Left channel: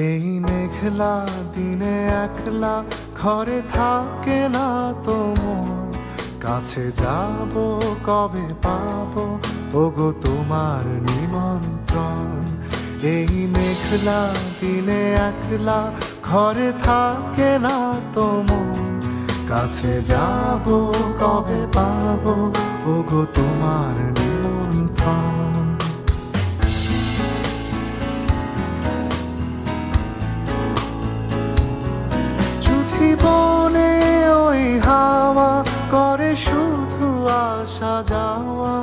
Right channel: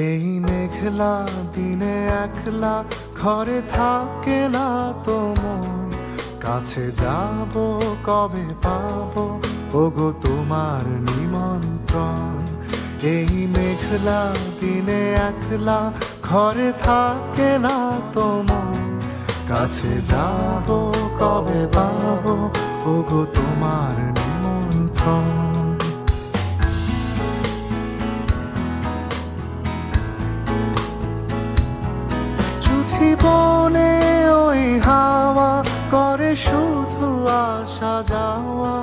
এই মেঘলা দিনে একলা ঘরে থাকে না তো মন, কাছে যাব কবে পাবো ওগো তোমার নিমন্ত্রণ। এই মেঘলা দিনে একলা ঘরে থাকে না তো মন, কাছে যাব কবে পাবো ওগো তোমার নিমন্ত্রণ। জীবনে ওই হাওয়া করে শুধু আসা যাওয়া।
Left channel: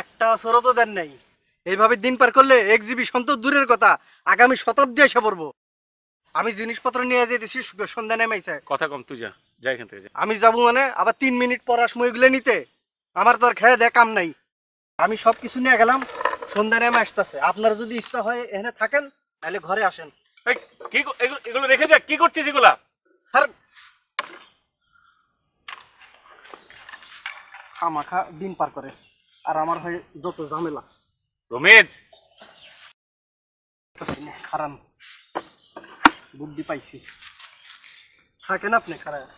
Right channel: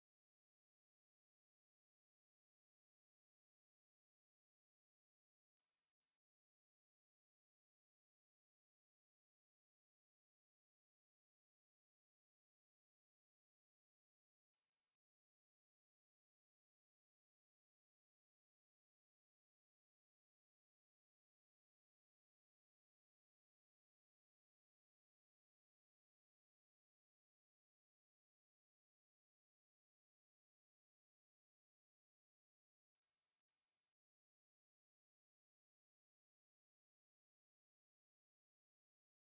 একটা অসরও তো দেন নাই। এইভাবে দিন পার করলে এক্সিবিশন তো দূরের কথা, আগামী শতাব্দী এসে পড়বো। আমি জিনিসপত্র নিয়ে যেতেছি, সন্ধ্যা নেমেছে। কথা কম, তুই যা, যা এখান থেকে যা। আমি যাবো মানে আবার 3 মিনিট পর আসবো এগুলো নিতে। আমার তো আর খেয়ে দেয় কাম নাই। আমি সব কিছু নিয়ে গেলাম, সন্ধ্যা নেমে আসতেছে। আপনার যদি ইচ্ছা হয় এখানে থাকেন, তাহলে ঘরে আসেন। এই, এগুলো রেখে যা, কি করছিস এগুলা? স্যার, খামাখা দিন পার করে আর আমার হয় যত ঝামেলা। রমেশ, খারান বুদ্ধি পাইছি, থাকেন আপনি খারাপ।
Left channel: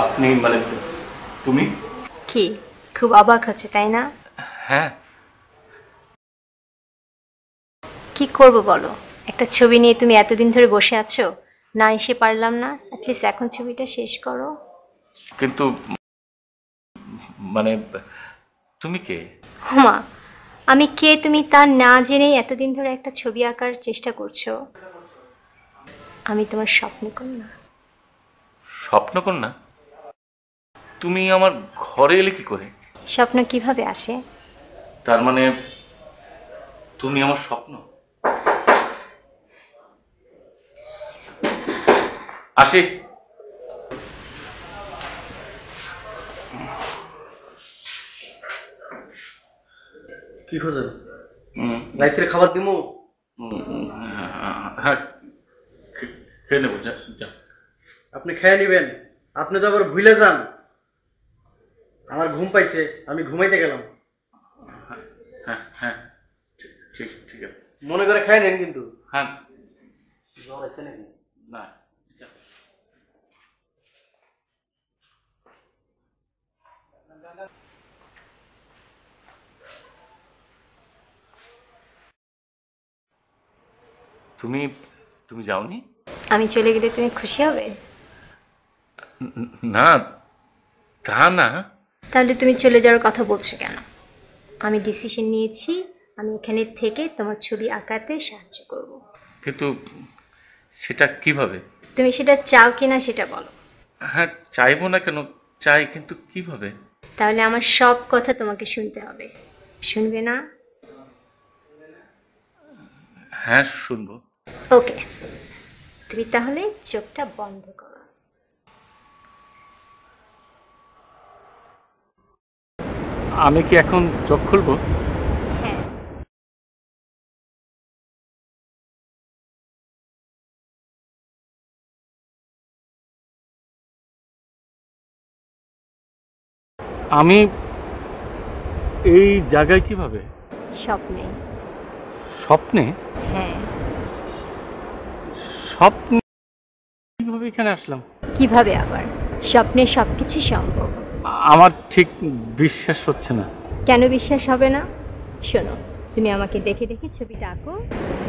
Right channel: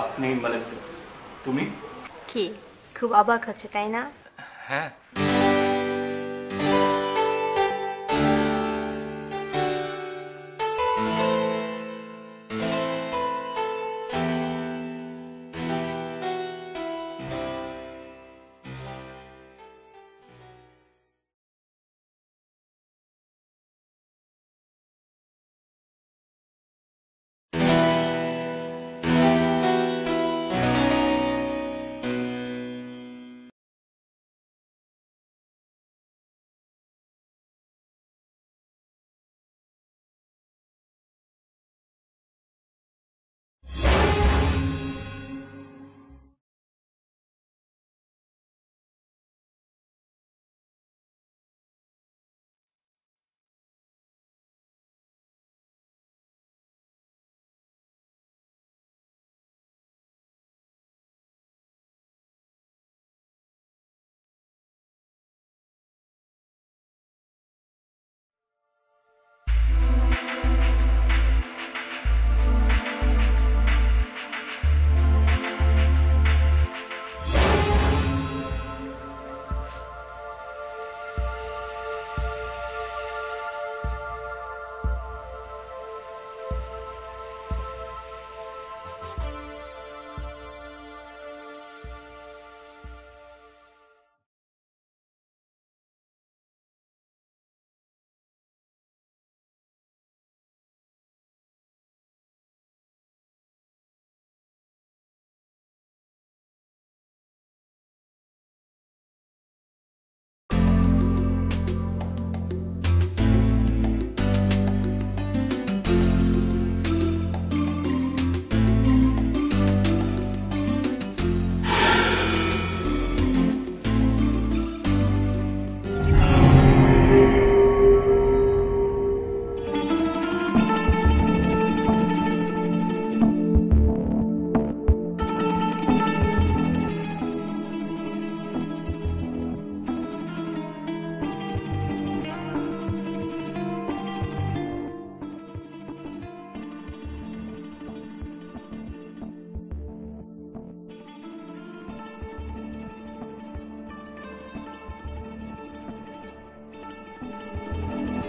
আপনি মানে তুমি? কি খুব অবাক হচ্ছে তাই না? হ্যাঁ। কি করব বলো, একটা ছবি নিয়ে তুমি এতদিন ধরে বসে আছো, না এসে পারলাম না। প্লিজ এখন ছবিটা শেষ করো। কিন্তু মানে তুমি কে? হুমা, আমি কে তুমি তা না জেনেই এতদিন ধরে একটা ছবি আঁকার চেষ্টা করছো। আমি তোমার স্বপ্নকন্যা। স্বপ্নকন্যা? তুমি আমার ঘরে এলে কি করে? স্বপ্ন কিভাবে আসে? তার মানে তুমি আমার স্বপ্ন? আসি। কি খোঁজেন? উম, রাত্রে খাবার দিমু? হ্যাঁ, খেয়ে নেবো, যা যা। আপনি খেয়ে নিবেন। আপনি তো আবার ভুলে যান। আমার ঘুম পাইছে, আমি ঘুমাইতে গেলাম। হ্যাঁ হ্যাঁ, ঠিক ঠিক আছে। মনে করে খেয়ে নেন কিন্তু। হ্যাঁ। তুমি তুমি যাওনি? আমি চলে গেলে তুমি খুশি হবে? না, তা না। তাহলে তুমি চলে যাওয়ার কথা বলছো কেন? আমি ডিসিশন নিয়েছি, আমি এখানে থেকে তোমার ছবি আঁকাতে সাহায্য করব। কিন্তু সেটা কিভাবে? তুমি সেটা চাও কিনা সেটা বলো। হ্যাঁ, চাইবো না কেন, চাই, কিন্তু কিভাবে? তাহলে আমার সব কথা তোমাকে শুনতে হবে, শুনবে না? হ্যাঁ, শুনবো। ওকে, তুমি তাহলে চোখটা বন্ধ করো। আমি কি এখন চোখ খুলবো? হ্যাঁ। আমি এই জায়গায় কিভাবে? স্বপ্নে। স্বপ্নে? হ্যাঁ। স্বপ্নে কিভাবে এখানে আসলাম? কিভাবে আবার? স্বপ্নে সবকিছু সম্ভব। আমার ঠিক বিশ্বাস হচ্ছে না। কেন বিশ্বাস হবে না? শোনো, তুমি আমাকে দেখে দেখে ছবিটা আঁকো,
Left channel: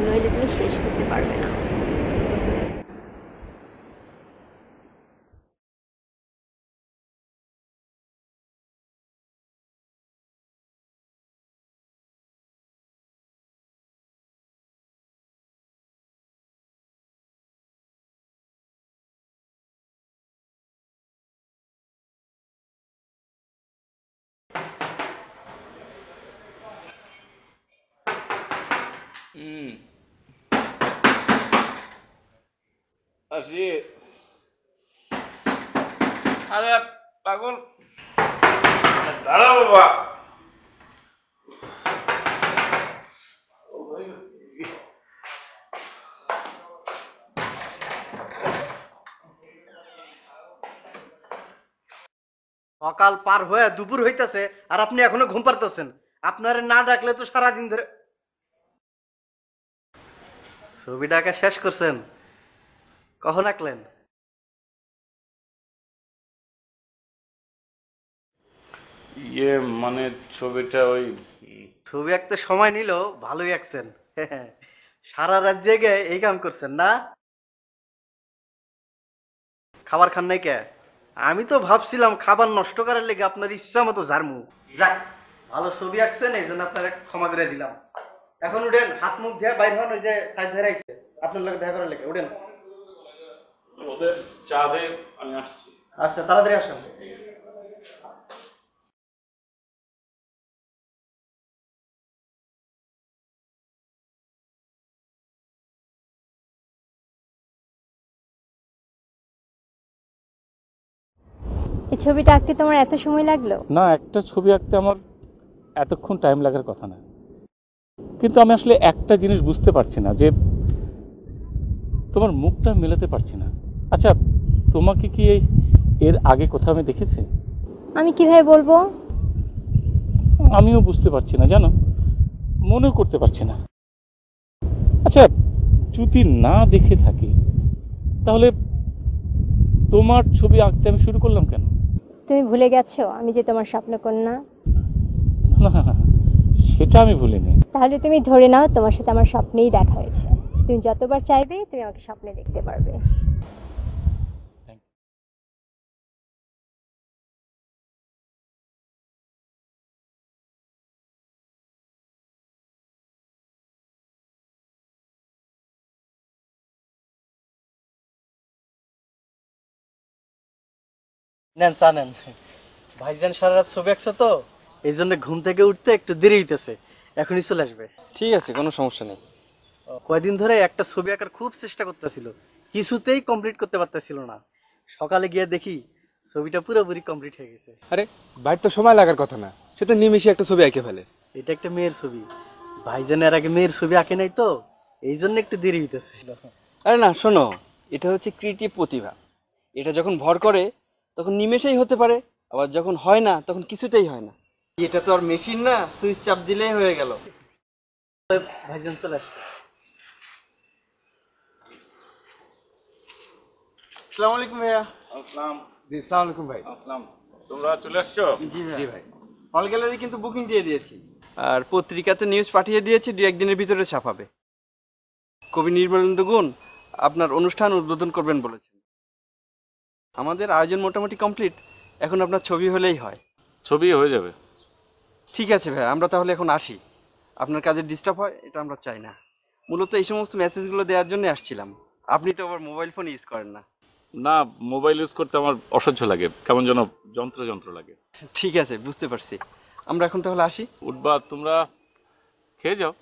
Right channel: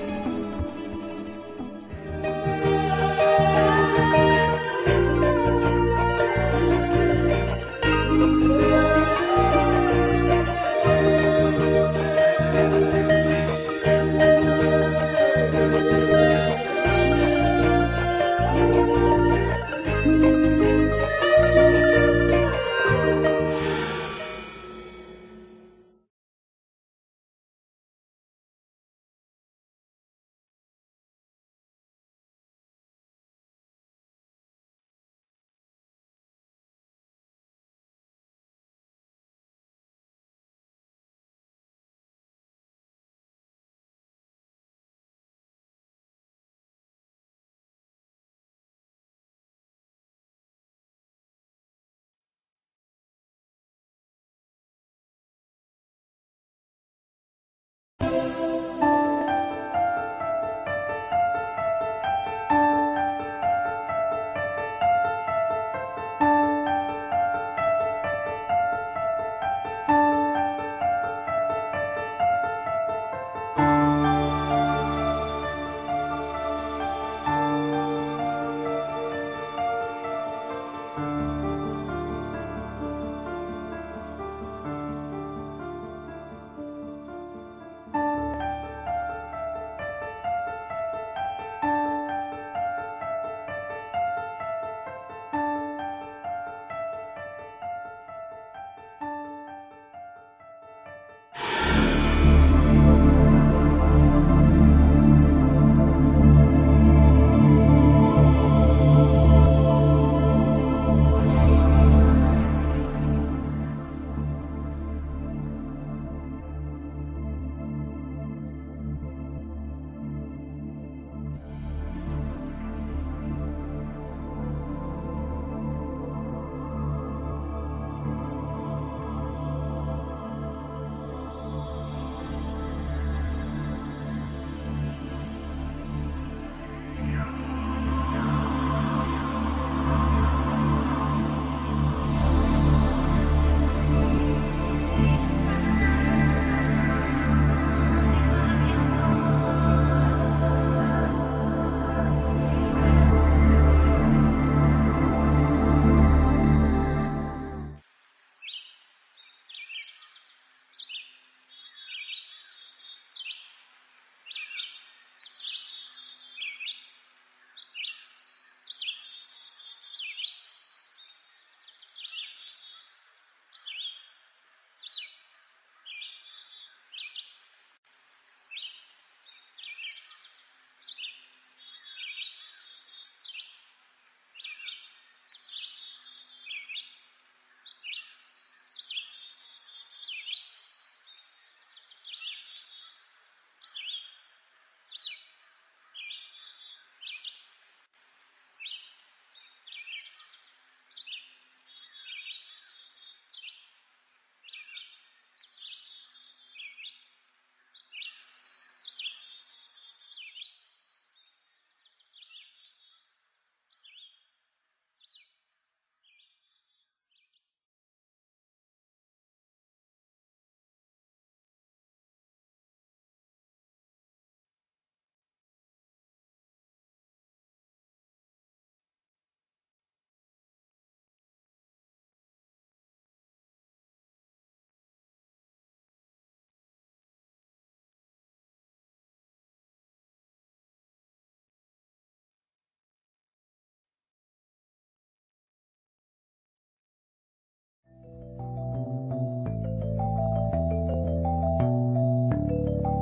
নইলে তুমি শেষ করতে পারবে না। আসি। আরে পাগল, দাঁড়া বাবা। সকাল পার হয়ে দুপুর হইতাছে আর আপনি এখনো ঘুম পারতেছেন। আপনারে না ডাকলে তো সারাদিন ধরে। ছবিটাকে শেষ করছেন? কখন আঁকলেন? ইয়ে মানে ছবিটা ওই ছবি আঁকতে সময় নিল, ভালোই আঁকছেন। সারা রাত জেগে এই কাম করছেন না? খাবার খান নাই কে? আমি তো ভাবছিলাম খাবার নষ্ট করার লেগে আপনার ইচ্ছা মতো ঝাড়মু। যাক, ভালো ছবি আঁকছেন, এই জন্য আপনার ক্ষমা করে দিলাম। এখন উঠেন, হাত মুখ দিয়ে বাইর হন, ওই যে সাইড ধরে আইছে আপনার লোক দেখা করার লেগে। উঠেন। ওদের চা দে, আমি আসছি। আচ্ছা, তাড়াতাড়ি আসেন। এই ছবিটা আঁকতে তোমার এত সময় লাগলো? না, একটা ছবি আঁকতে আমার এতক্ষণ টাইম লাগার কথা না, কিন্তু আমি আসলে একটা জিনিস বুঝতে পারছি না, যে তোমার মুখটা মেলাতে পারছি না। আচ্ছা, তোমাকে কি এর আগে কোথাও আমি দেখেছি? আমি কিভাবে বলবো? আমিও বুঝতে পারছি না, জানো, মনে করতে পারছি না। আচ্ছা, যদি না দেখে থাকি তাহলে তোমার ছবি আঁকতে আমি শুরু করলাম কেন? তুমি ভুলে গেছো আমি যে তোমার স্বপ্ন কন্যা? না না না, সেটা আমি ভুলি না। তাহলে তুমি ধরে নাও তোমার সাথে আমার স্বপ্নেই দেখা হচ্ছে। তুমি যতবার চাইবে তুমি আমার স্বপ্ন দেখতে পারবে। নেন, চা নেন। ভাইজান সারা রাত ছবি আঁকছে তো, এই জন্য ঘুম থেকে উঠতে একটু দেরি হইতেছে। এখনই চলে আসবে। ঠিক আছে, কোনো সমস্যা নেই। কয়দিন ধরে একটা ছবি আঁকার খুব চেষ্টা করতেছিল, কিছুতেই কমপ্লিট করতে পারতেছিল না। সকালে গিয়ে দেখি ছবিটা পুরোপুরি কমপ্লিট হয়ে গেছে। আরে, বাইরে তো সময় লাগার কথা না, সে তো নিমেষে একটা ছবি এঁকে ফেলে। এটা একটা মেয়ের ছবি। ভাইজান এর আগে মেয়ের ছবি আঁকে নাই তো, এই জন্য একটু দেরি হইতেছে। আরে না শোনো, এটা হচ্ছে ক্রিয়েটিভ প্রতিভা। এটা যখন ভর করে তখন নিমেষেই হতে পারে, আবার যখন হয় না তখন কিছুতেই হয় না। এটা তো আর মেশিন না, সুইচ চাপ দিলেই হয়ে গেল। ভাইজান চলে আসছে। আসসালামু আলাইকুম ভাইয়া। আসসালাম। জি আসসালামু আলাইকুম ভাই। আসসালাম। তোমরা চলে আসছো? জি ভাই। হল গ্যালারি কিন্তু বুকিং দিয়ে দিয়েছি, আর পত্রিকাতে নিউজ পাঠিয়ে দিয়েছি, 2-1 দিনের ভিতরে ছাপাবে। কবি নির্মলেন্দু গুণ আপনার অনুষ্ঠান উদ্বোধন করবেন বলেছেন। আমাদের আয়োজন মোটামুটি কমপ্লিট, এখন আপনার ছবি হলেই হয়। ছবি হয়ে যাবে। ঠিক আছে ভাই, আমরা তাহলে এখন আসি। আপনার কাজে ডিস্টার্ব হয় এটা আমরা চাই না। মূলত এই সমস্ত মেসেজগুলো দেওয়ার জন্য আসছিলাম। আপনি তো আবার মোবাইল ফোন ইউজ করেন না। না, মোবাইল ইউজ করতে আমার অসহ্য লাগে, কেমন যেন যন্ত্র যন্ত্র লাগে। ঠিক আছে, বুঝতে পারছি। আমরা এখন তাহলে আসি। উঠবা, তোমরা খেয়ে যাও।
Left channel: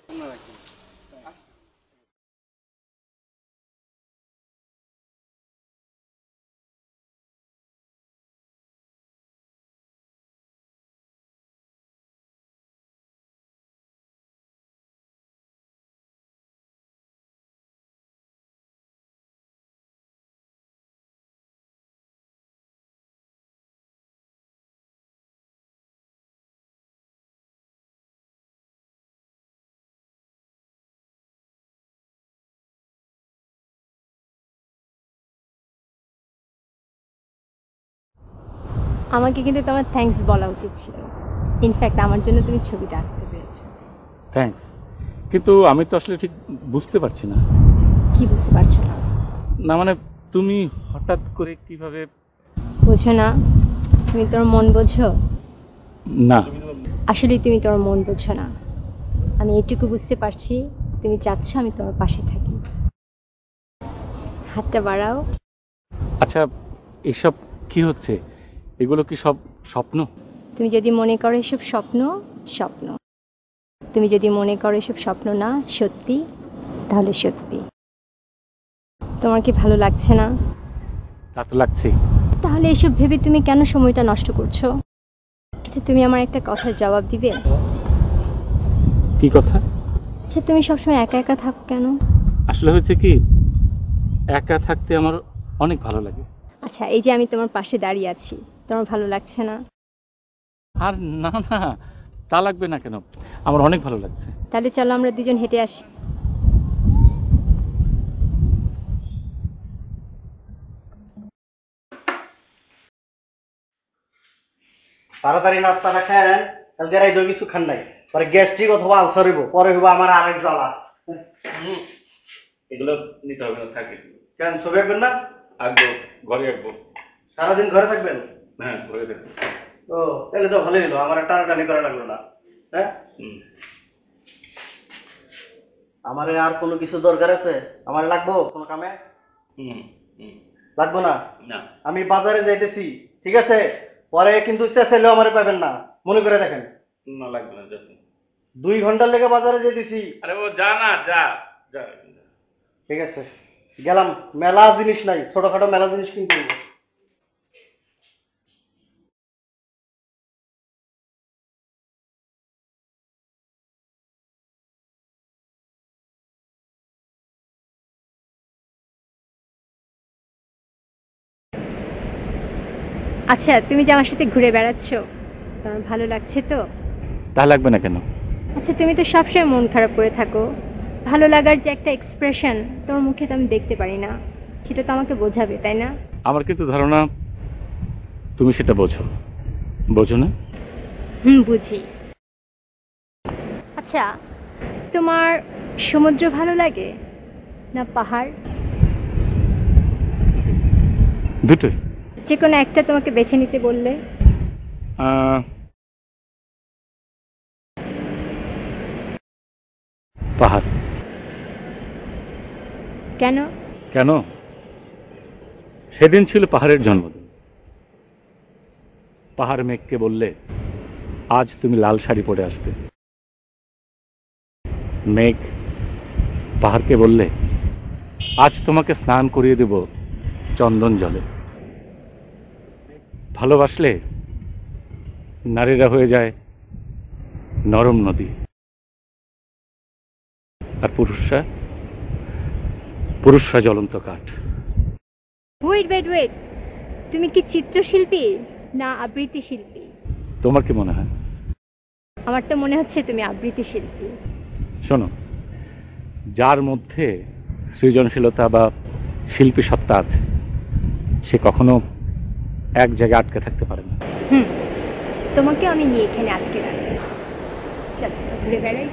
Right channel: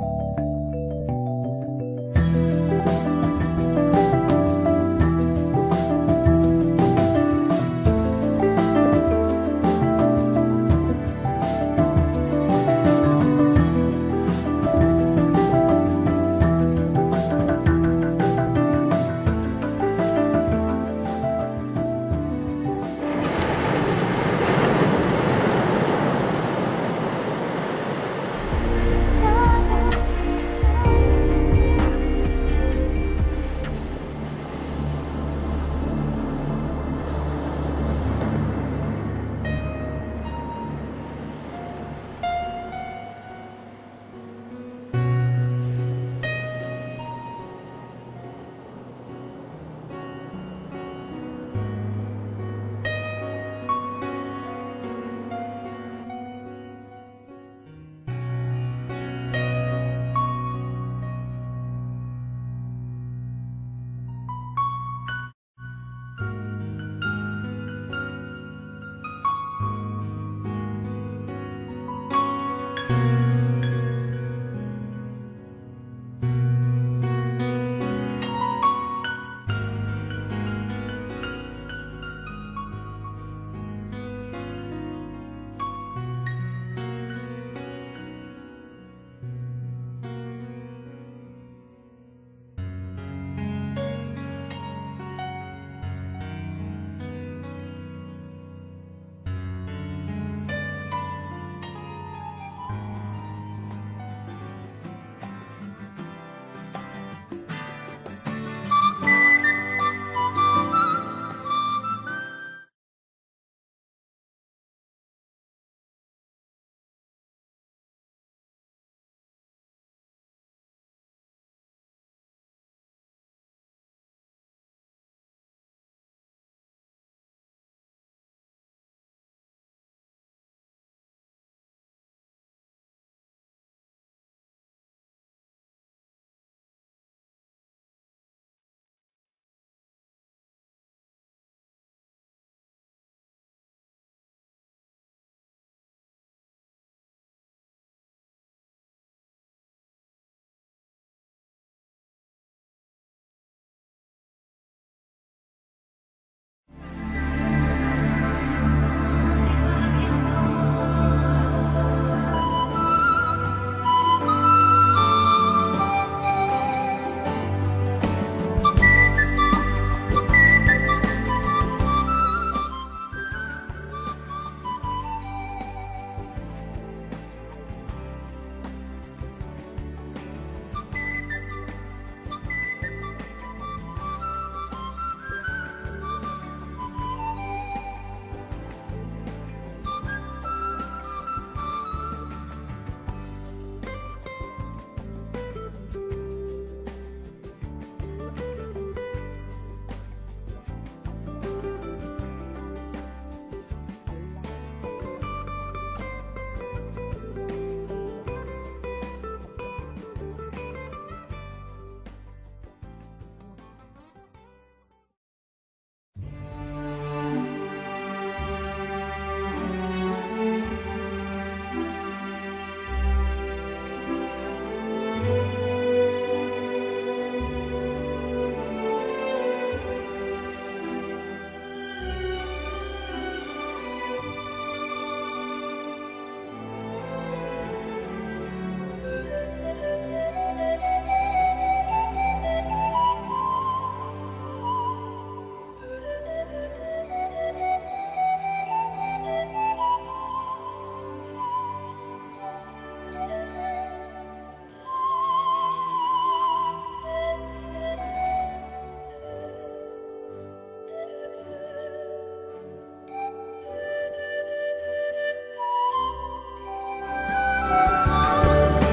আমাকে কিন্তু তোমার থ্যাঙ্কস বলা উচিত ছিল। ইনফ্যাক্ট আমার জন্য তুমি ছবিটা আঁকতে পেরেছো। থ্যাঙ্কস, কিন্তু আমি তো আসলে ঠিক বুঝতে পারছি না। কি বুঝতে পারছো না? না মানে তুমি হঠাৎ করে কিভাবে? বোঝো না? তুমি তোর মন বোঝো? না। আসলে তুমি তোর মন বোঝো না। আমি এটুকু বুঝতে পারছি, তুমি চাচ্ছ আমি তোমার পাশে থাকি। হাতটা বাড়াও। আচ্ছা, এসব কি হচ্ছে? এগুলো কি সব স্বপ্ন? তুমি যদি মনে করো এসব স্বপ্ন, স্বপ্ন। তুমি যদি মনে করো এসব স্বপ্ন না, সত্যি, তাহলে সত্যি। তোমার কি ভালো লাগছে না? তা তো লাগছেই। তাহলে এসব ভেবে তুমি কেন সময়টা নষ্ট করছো? আচ্ছা, তুমি আমার একটা কথার জবাব দিবে? কি কথা? আচ্ছা, তুমি সবসময় একা একা থাকো কেন? আসলে হয়েছে কি, একা থাকতে আমার অনেক ভালো লাগে। আচ্ছা, এই যে আমি তোমার পাশে দাঁড়িয়ে আছি, তোমার ভালো লাগছে না? আর না না, তা লাগবে না কেন, আমার অনেক ভালো লাগছে। তাহলে চলো আমরা দুজন হেঁটে আসি। তাড়াতাড়ি নাস্তাটা খায় নেন, কালকে রাইত কিছু খান নাই, পরে গ্যাস্ট্রিক অথবা আলসার হইব, পরে হইব আমার আরেক জ্বালা। এগুলো নিতে হবে না, থাকে। কেন ছবি আঁকবেন না? আঁকবো, ঘরে আঁকবো। সারাদিন ঘরে থাকবেন? হ্যাঁ, ঘরে থাকবো। ও, তাহলে তো ভালোই হলো, আমার টানাটানি করা লাগলো না। হ্যাঁ, আমার আর কোনো কিছু দরকার আছে? আমার লাগবো কোনো কামে? লাগবো না? না। আমি বাজারে যাইতেছি, ঠিক আছে? পরে কিন্তু চেঁচাইলেও আমার পাবেন না, মনে করে দেখেন। না, লাগবে না, যা। 2 ঘন্টার লেগে বাজারে যেতেছি। আরে ও যা না, যা যা। ঠিক আছে, গেলাম। মেলা জিনিস নাই, ছোটখাটো মেলা জিনিস কিনতে হইব। আচ্ছা, তুমি যে আমার সাথে ঘুরে বেড়াচ্ছ, তোমার ভালো লাগছে তো? তা লাগবে না কেন? আচ্ছা, তুমি তো সবসময় মন খারাপ করে থাকো। ভালো লাগার যে একটা এক্সপ্রেশন তোমার মুখে তো আমি দেখতে পারি না, সেটা তো আমাকে বোঝাবে, তাই না? আমার কিন্তু ধারণা তুমি সেটা বোঝো, বোঝো না? বুঝি। আচ্ছা, তোমার সমুদ্র ভালো লাগে না পাহাড়? দুটোই। যে কোনো একটা তোমাকে বেছে নিতে বললে? পাহাড়। কেন? কেন? সেদিন ছিল পাহাড়ের জন্ম। পাহাড় মেঘকে বললে, আজ তুমি লাল শাড়ি পরে আসবে। মেঘ পাহাড়কে বললে, আজ তোমাকে স্নান করিয়ে দেব চন্দন জলে। ভালোবাসলে নারীরা হয়ে যায় নরম নদী, আর পুরুষরা জ্বলন্ত কাঠ। ওয়েট ওয়েট ওয়েট, তুমি কি চিত্রশিল্পী না আবৃত্তি শিল্পী? তোমার কি মনে হয়? আমার তো মনে হচ্ছে তুমি আবৃত্তি শিল্পী। শোনো, যার মধ্যে সৃজনশীলতা বা শিল্পী সত্তা আছে সে কখনো এক জায়গায় আটকে থাকতে পারে না। তোমাকে আমি নিয়ে এখানে আটকে রাখবো। চলো, ঘুরে বেড়াই।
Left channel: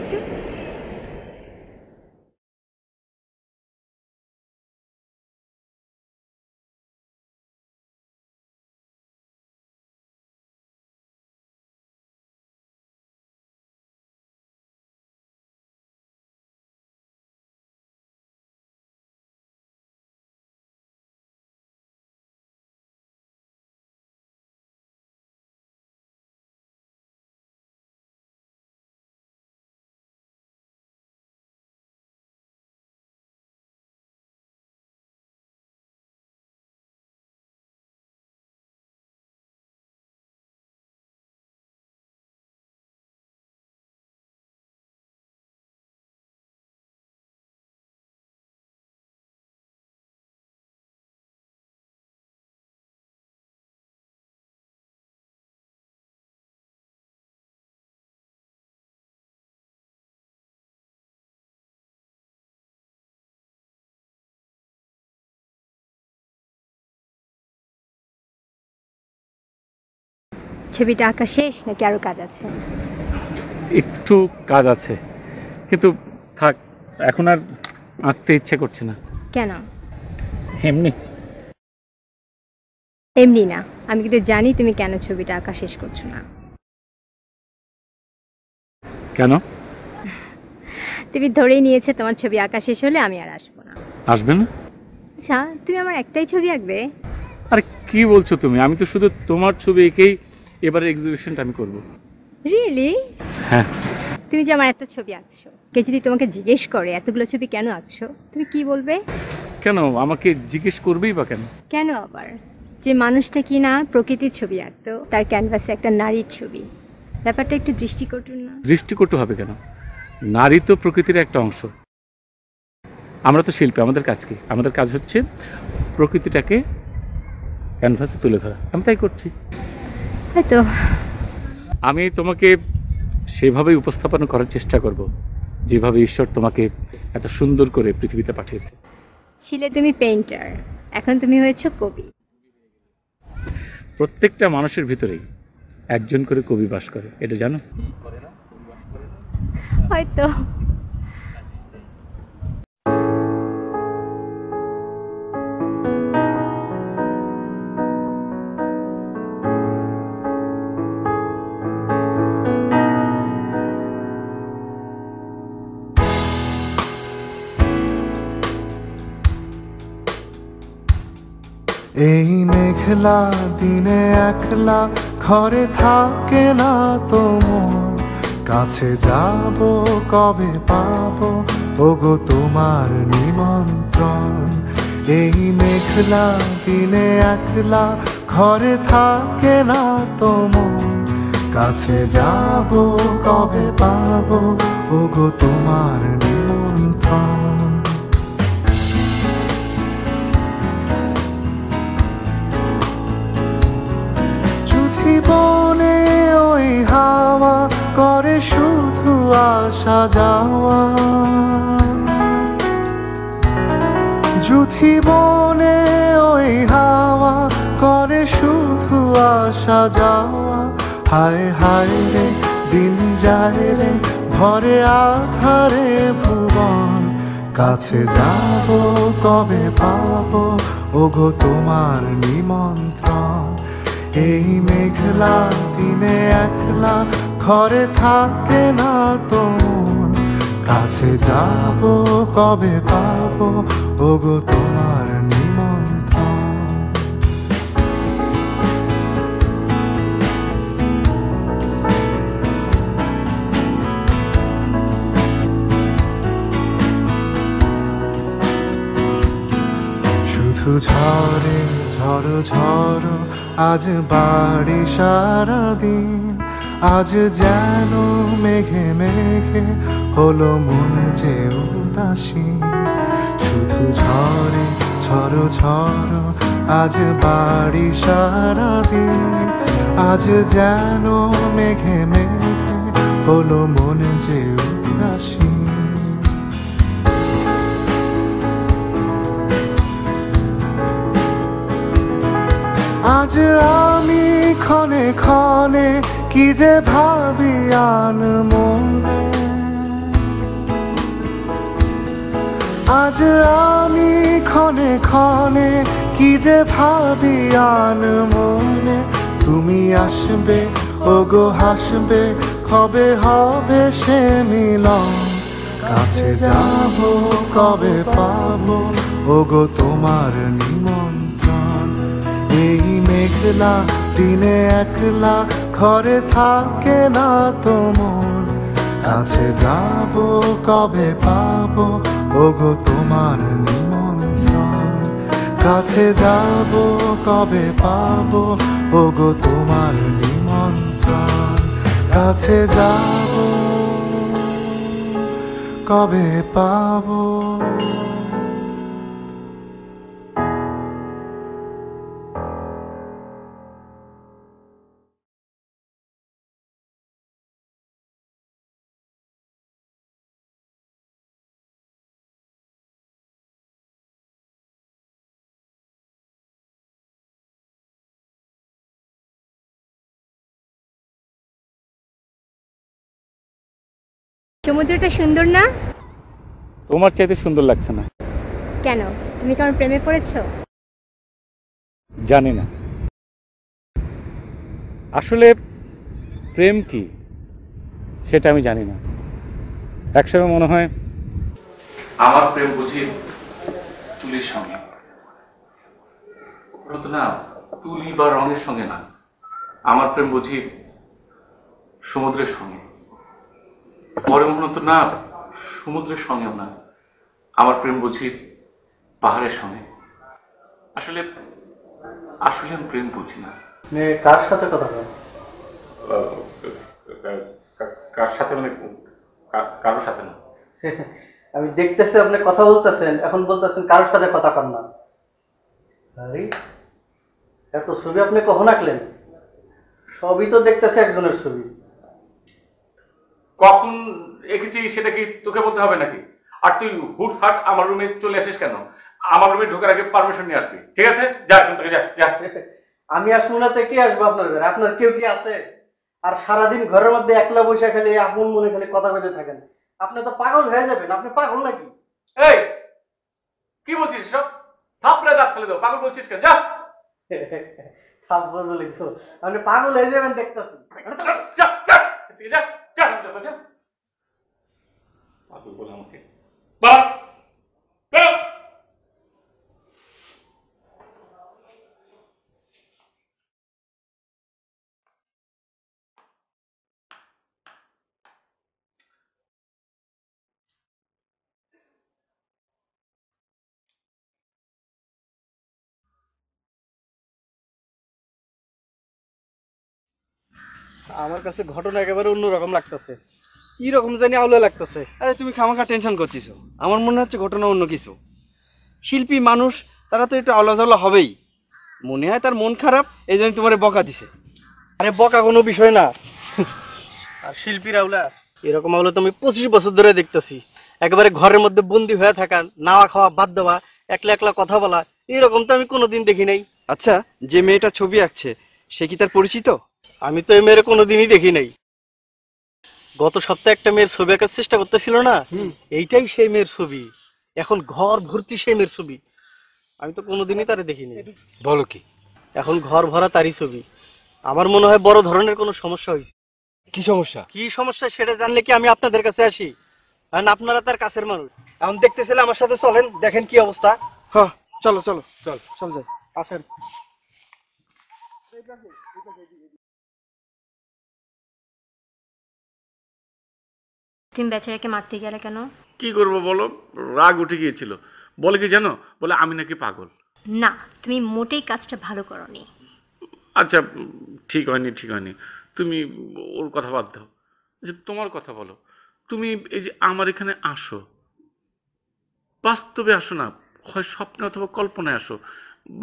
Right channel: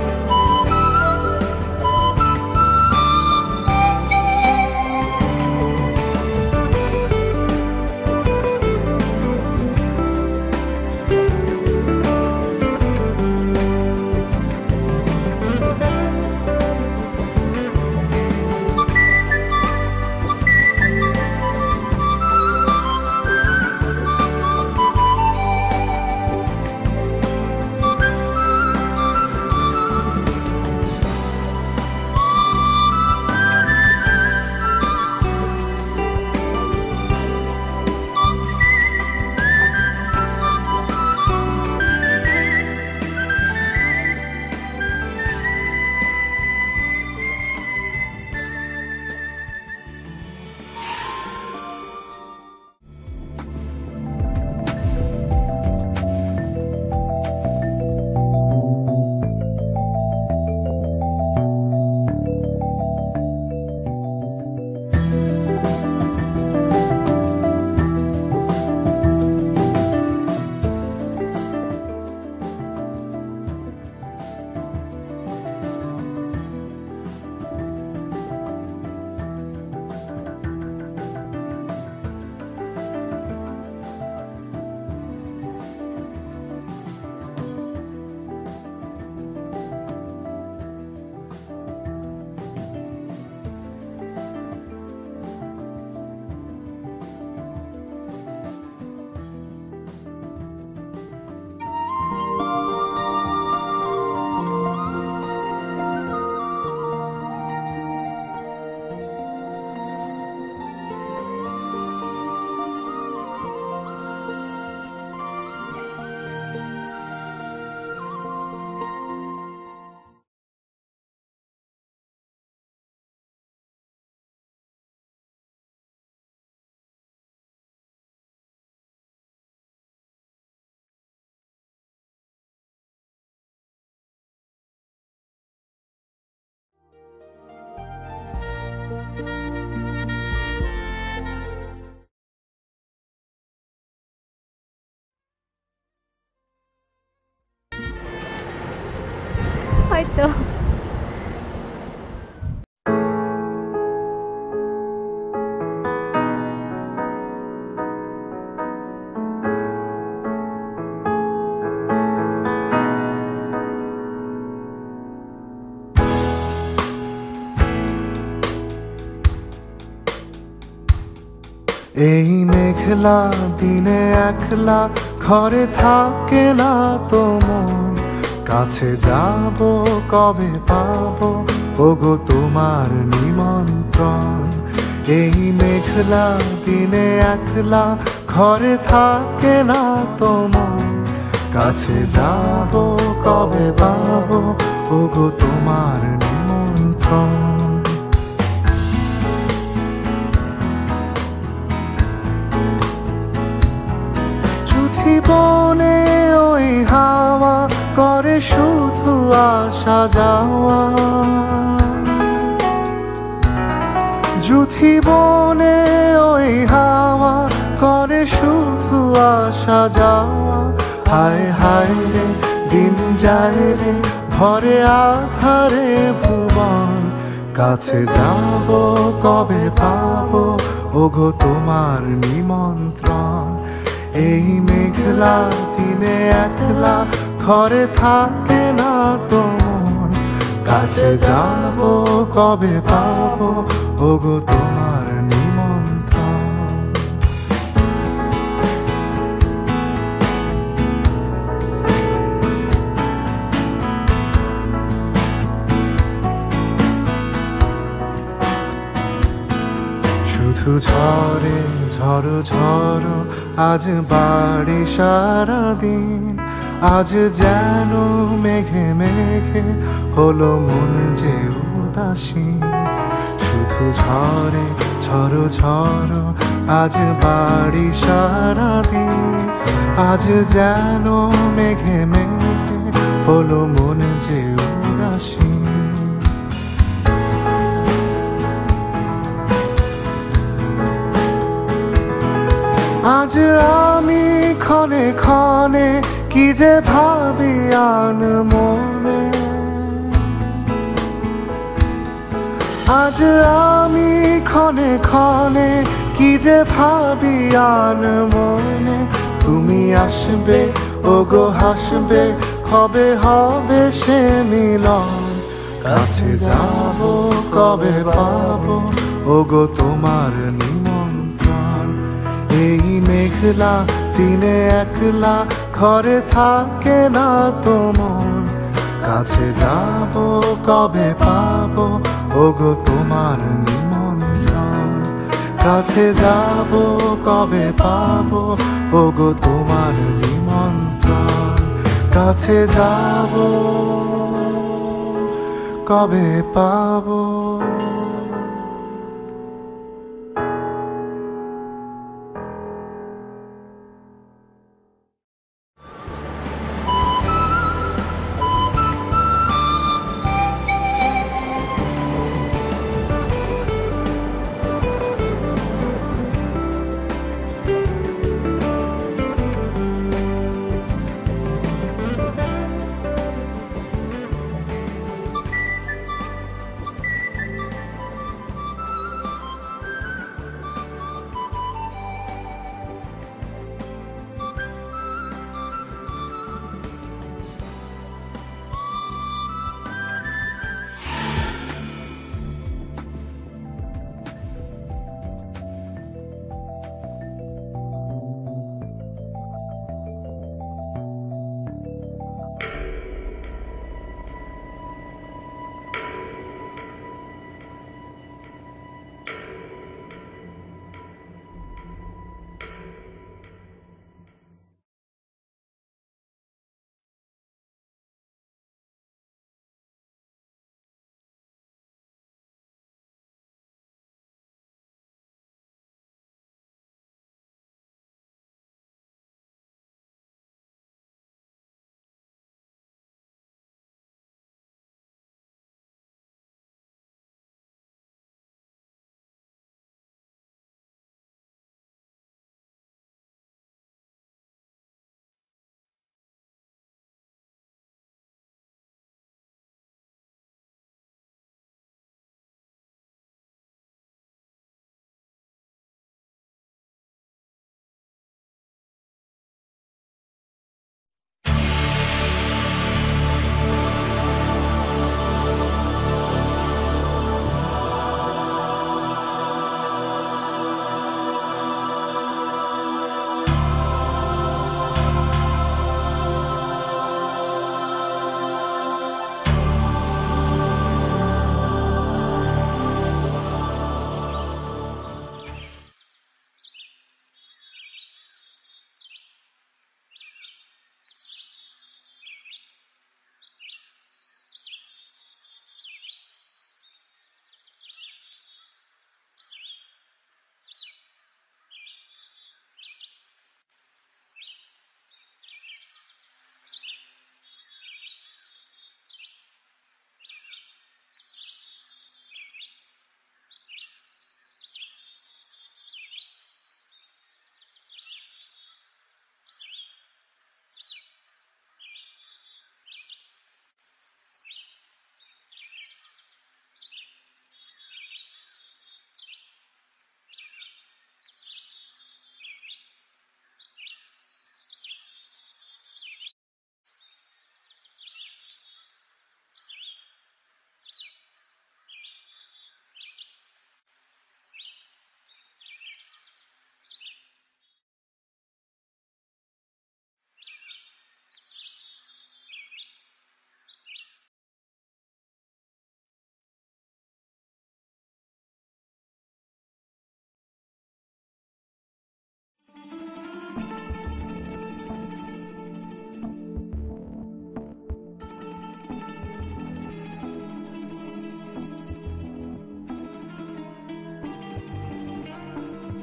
ছবিটা আঁকা শেষ নাকি আরো কাজ আছে? একটু কাজ আছে, কিন্তু থাক, এখন আর আঁকতে ইচ্ছে করছে না। কেন? এমনি। এমনি না, আমি কিন্তু জানি তুমি কেন ছবিটা আঁকা শেষ করছো না। কেন? তুমি ধরেই নিয়েছে তোমার ছবি আঁকা শেষ হলে আমি আর আসবো না। আসবে না? আচ্ছা, তুমি আমার একটাই ছবি আঁকবে? আরে কি বলছো তুমি? আমি তো শুধু তোমার ছবি এঁকেই এবারে এক্সিবিশনটা আমি করবো। রিয়েলি? হ্যাঁ। তুমি যে আমার এত ছবি আঁকছো, কে যদি তোমাকে জিজ্ঞেস করে এতগুলো ছবি কেন আঁকছো, তুমি কি বলবে? কেন আমাকে জিজ্ঞেস করবেই বা কেন? কেন আবার? যে মানুষটা কি না প্রকৃতির ছবি আঁকতো, তার ক্যানভাসে একটা নারীর ছবি, ব্যাপারটা একটু দৃষ্টিকটু না? দৃষ্টিকটু হবে কেন? নারী তো প্রকৃতির একটা অংশ। আমরা তো শিল্পী, আমাদের কাজ কি? আমাদের কাজ হচ্ছে প্রকৃতিটাকে ক্যানভাসে তুলে ধরা। আমি তাই করছি। হয়তো। আমি তোমাকে সেভাবেই উপস্থাপন করার চেষ্টা করব যেভাবে ঈশ্বর তোমাকে এত সুন্দর করে পৃথিবীতে পাঠিয়েছে। ছিলে তুমি পেইন্টার, এখন তুমি হয়েছো কবি। প্রত্যেকটা মানুষের ভিতরেই একজন করে কবি বাস করে, এটা জানো? হয়তো। এই মেঘলা দিনে একলা ঘরে থাকে না তো মন, কাছে যাব কবে পাবো ওগো তোমার নিমন্ত্রণ। এই মেঘলা দিনে একলা ঘরে থাকে না তো মন, কাছে যাব কবে পাবো ওগো তোমার নিমন্ত্রণ। জীবনে ওই হাওয়া করে শুধু আসা যাওয়া, জীবনে ওই হাওয়া করে শুধু আসা যাওয়া। হায় হায় রে দিন যায় রে ভরে আধারে ভুবন, কাছে যাব কবে পাবো ওগো তোমার নিমন্ত্রণ। এই মেঘলা দিনে একলা ঘরে থাকে না তো মন, কাছে যাব কবে পাবো ওগো তোমার নিমন্ত্রণ। শুধু ঝরে ঝড়ো ঝড়ো আজ বাড়ি সারাদিন, আজ যেন মেঘে মেঘে হলো মন যে উদাসীন, শুধু ঝরে ঝড়ো ঝড়ো আজ বাড়ি সারাদিন। আজ যেন মেঘে মেঘে হলো মন যে উদাসীন। আজ আমি ক্ষণে ক্ষণে কি যে ভাবি আন মনে, আজ আমি ক্ষণে ক্ষণে কি যে ভাবি আন মনে। তুমি আসবে ওগো হাসবে, কবে হবে সে মিলন, কাছে যাব কবে পাবো ওগো তোমার নিমন্ত্রণ। এই মেঘলা দিনে একলা ঘরে থাকে না তোমার, কাছে যাব কবে পাবো ওগো তোমার নিমন্ত্রণ। কাছে যাব কবে পাবো ওগো তোমার নিমন্ত্রণ। কাছে যাব কবে পাবো। সমুদ্রটা সুন্দর না? তোমার চাইতে সুন্দর লাগছে না। কেন, তুমি কারণ প্রেমে পড়েছো? জানি না আসলে প্রেম কি সেটা আমি জানি না। একসময় মনে হয় আমার প্রেম বুঝি তুলির সঙ্গে, না তুলি বা রঙের সঙ্গে না। আমার প্রেম বুঝি সমুদ্রের সঙ্গে। পরে মনে হতো না সমুদ্রের সঙ্গেও না, আমার প্রেম বুঝি পাহাড়ের সঙ্গে। আসলে আসলে আমি প্রেম বুঝি না। কার সাথে কথা বলেন? কার সাথে মানে কারোর সাথে না। আমি দেখতেছি আপনি কথা বলতেছেন, এখন বলতেছেন কারোর সাথে কথা কন না। আরে এত ছবি আপনি কখন আঁকলেন? সবই তো দেখতেছি একজনের ছবি। কখন এঁকেছি সেটা কি তোকে বলতে হবে নাকি? আর তুই হুটহাট আমার রুমে চলে আসিস কেন? আমার রুমে ঢোকার আগে পারমিশন নিয়ে আসবি, ঠিক আছে? যা এখান থেকে যা যা। আমি আসবো না তো কে আসবো আপনার ঘরে? আপনার কেউ কি আছে? আর সারাদিন ঘরের মধ্যে একলা বসে খালি আপন মনে খালি কথা বলতে থাকেন। আপনি তো পাগল হয়ে যাবেন। আপনি পাগল নাকি? এই কি বলছিস সব? থাপড়ে দাঁত ফেলে দাও, পাগল বলছিস কেন? যা। থাপ্পড় বলে তো আপনি পাগল হয়ে যাবেন দেখতেছি। যা যা যা যা। বাপ বাপ। আমার কাছে ঘটনা একেবারে অন্যরকম লাগতেছে। কি রকম জানি আউলে লাগতেছে। আরে তুমি খামাখা টেনশন করছিস, আমার মনে হচ্ছে ঘটনা অন্য কিছু। শিল্পী মানুষ, তারা তো একটু আওলাঝাওলা হবেই। মনে হয় তার মন খারাপ, এই জন্য তোমার বকা দিছে। আরে বকা কোনো বিষয় না। আর শিল্পীর আউলা, এরকম আউলা তো আমি 25 বছর ধরে দেখতেছি। একেবারে ঘরের মধ্যে বন্দি হয়ে থাকা, নাওয়া খাওয়া বাদ দেওয়া, একলা একলা কথা বলা, এরকম তো আমি কোনোদিন দেখি নাই। আচ্ছা, যে মেয়েটা ছবি আঁকছে সে কি তার পরিচিত? আমি তো এই মেয়ের কোনোদিনই দেখি নাই। গত সপ্তাহে একটা মেয়ের ছবি আঁকার চেষ্টা করতেছিল না, এইটাই সেই মেয়ের ছবি। এখন ঘর ভর্তি সেই মেয়ের ছবি। আমি তো কোনোদিনই তারে দেখিনি। বলো কি? এখন ঘর ভরা তারই ছবি। আমার মনে হয় বড় ধরনের কোনো সমস্যা হয়েছে। কি সমস্যা? কি সমস্যা সেটা জানলে কি আমি আপনাদের কাছে আসি? কারণ আপনারা তার কাছের মানুষ। এখন দেখতেছিলেন, আমার সাথে চলেন, দেখেন কি অবস্থা। হ্যাঁ চলো চলো চল চল যাই, আসেন। তুমি বেচারাকে মারতে গেলে কেন? কি করবো বলো, রাগ উঠে গিয়েছিল। বলে কি জানো, বলে আমি নাকি পাগল। না, তুমি মোটেই কাজটা ভালো করোনি। আচ্ছা ঠিক হয়নি ঠিক হয়নি, তুমি ওর কথা বাদ দাও, যে তোমার কথা বলো। তুমি এই যে আমার এখানে আসো, বাস্তবে আসো না, হয় স্বপ্নে অথবা কল্পনায় আসো,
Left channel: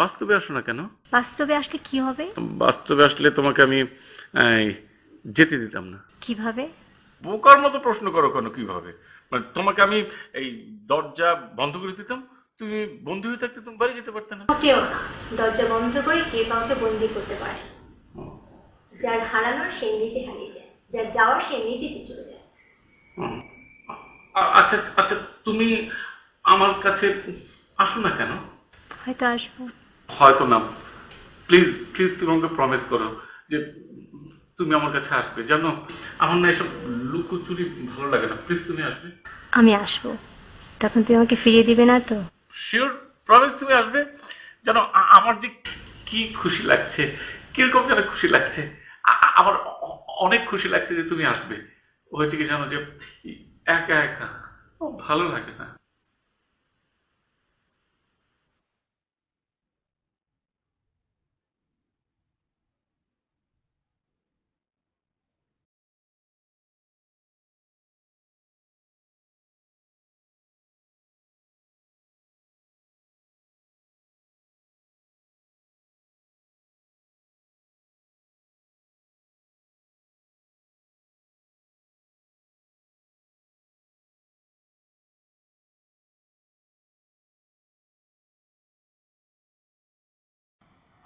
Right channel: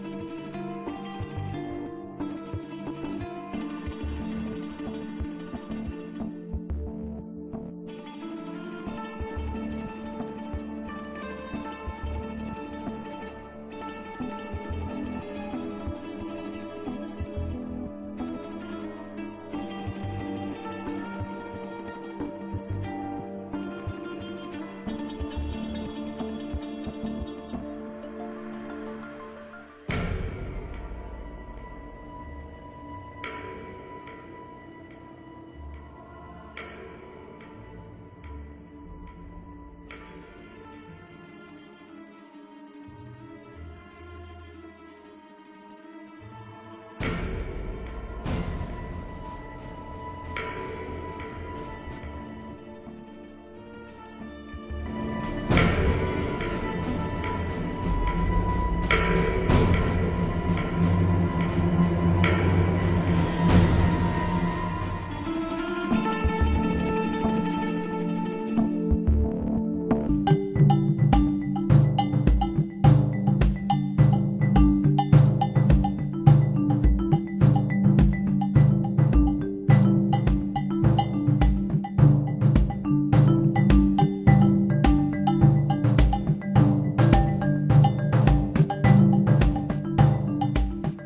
বাস্তবে আসো না কেন? বাস্তবে আসলে কি হবে? বাস্তবে আসলে তোমাকে আমি যেতে দিতাম না। কিভাবে? বোকার মতো প্রশ্ন করো কেন? কিভাবে? মানে তোমাকে আমি এই দরজা বন্ধ করে দিতাম, তুমি বন্দী হয়ে থাকতে তুমি বাড়ি যেতে পারতে না। মোটেও না, দরজা বন্ধ করে কে কাউকে বন্দি করতে পারে? যার হারানোর সে এমনিতে হারিয়ে যায়, যার যাওয়ার সে এমনিতে চলে যায়। আচ্ছা আচ্ছা, তুমি আমার কাছে আসো না কেন? হয়তো আসবো। হয়তো না, প্লিজ প্লিজ তুমি আমাকে প্রমিস করো যে তুমি আমার কাছে আসবে। জানো, আমার না এসব লুকোচুরি ভালো লাগে না। প্লিজ তুমি আসবে। আমি আসবো, তখন তুমি আমাকে ফিরিয়ে দিবে না তো? শিওর, প্রমিস তুমি আসবে। জানো আমার যে কি খুশি লাগছে, কিরকম যেন খুশি লাগছে। আমার অনেক খুশি লাগছে যে তুমি আসবে। হয়েছে কি জানো, যে একা একা ভালো লাগে।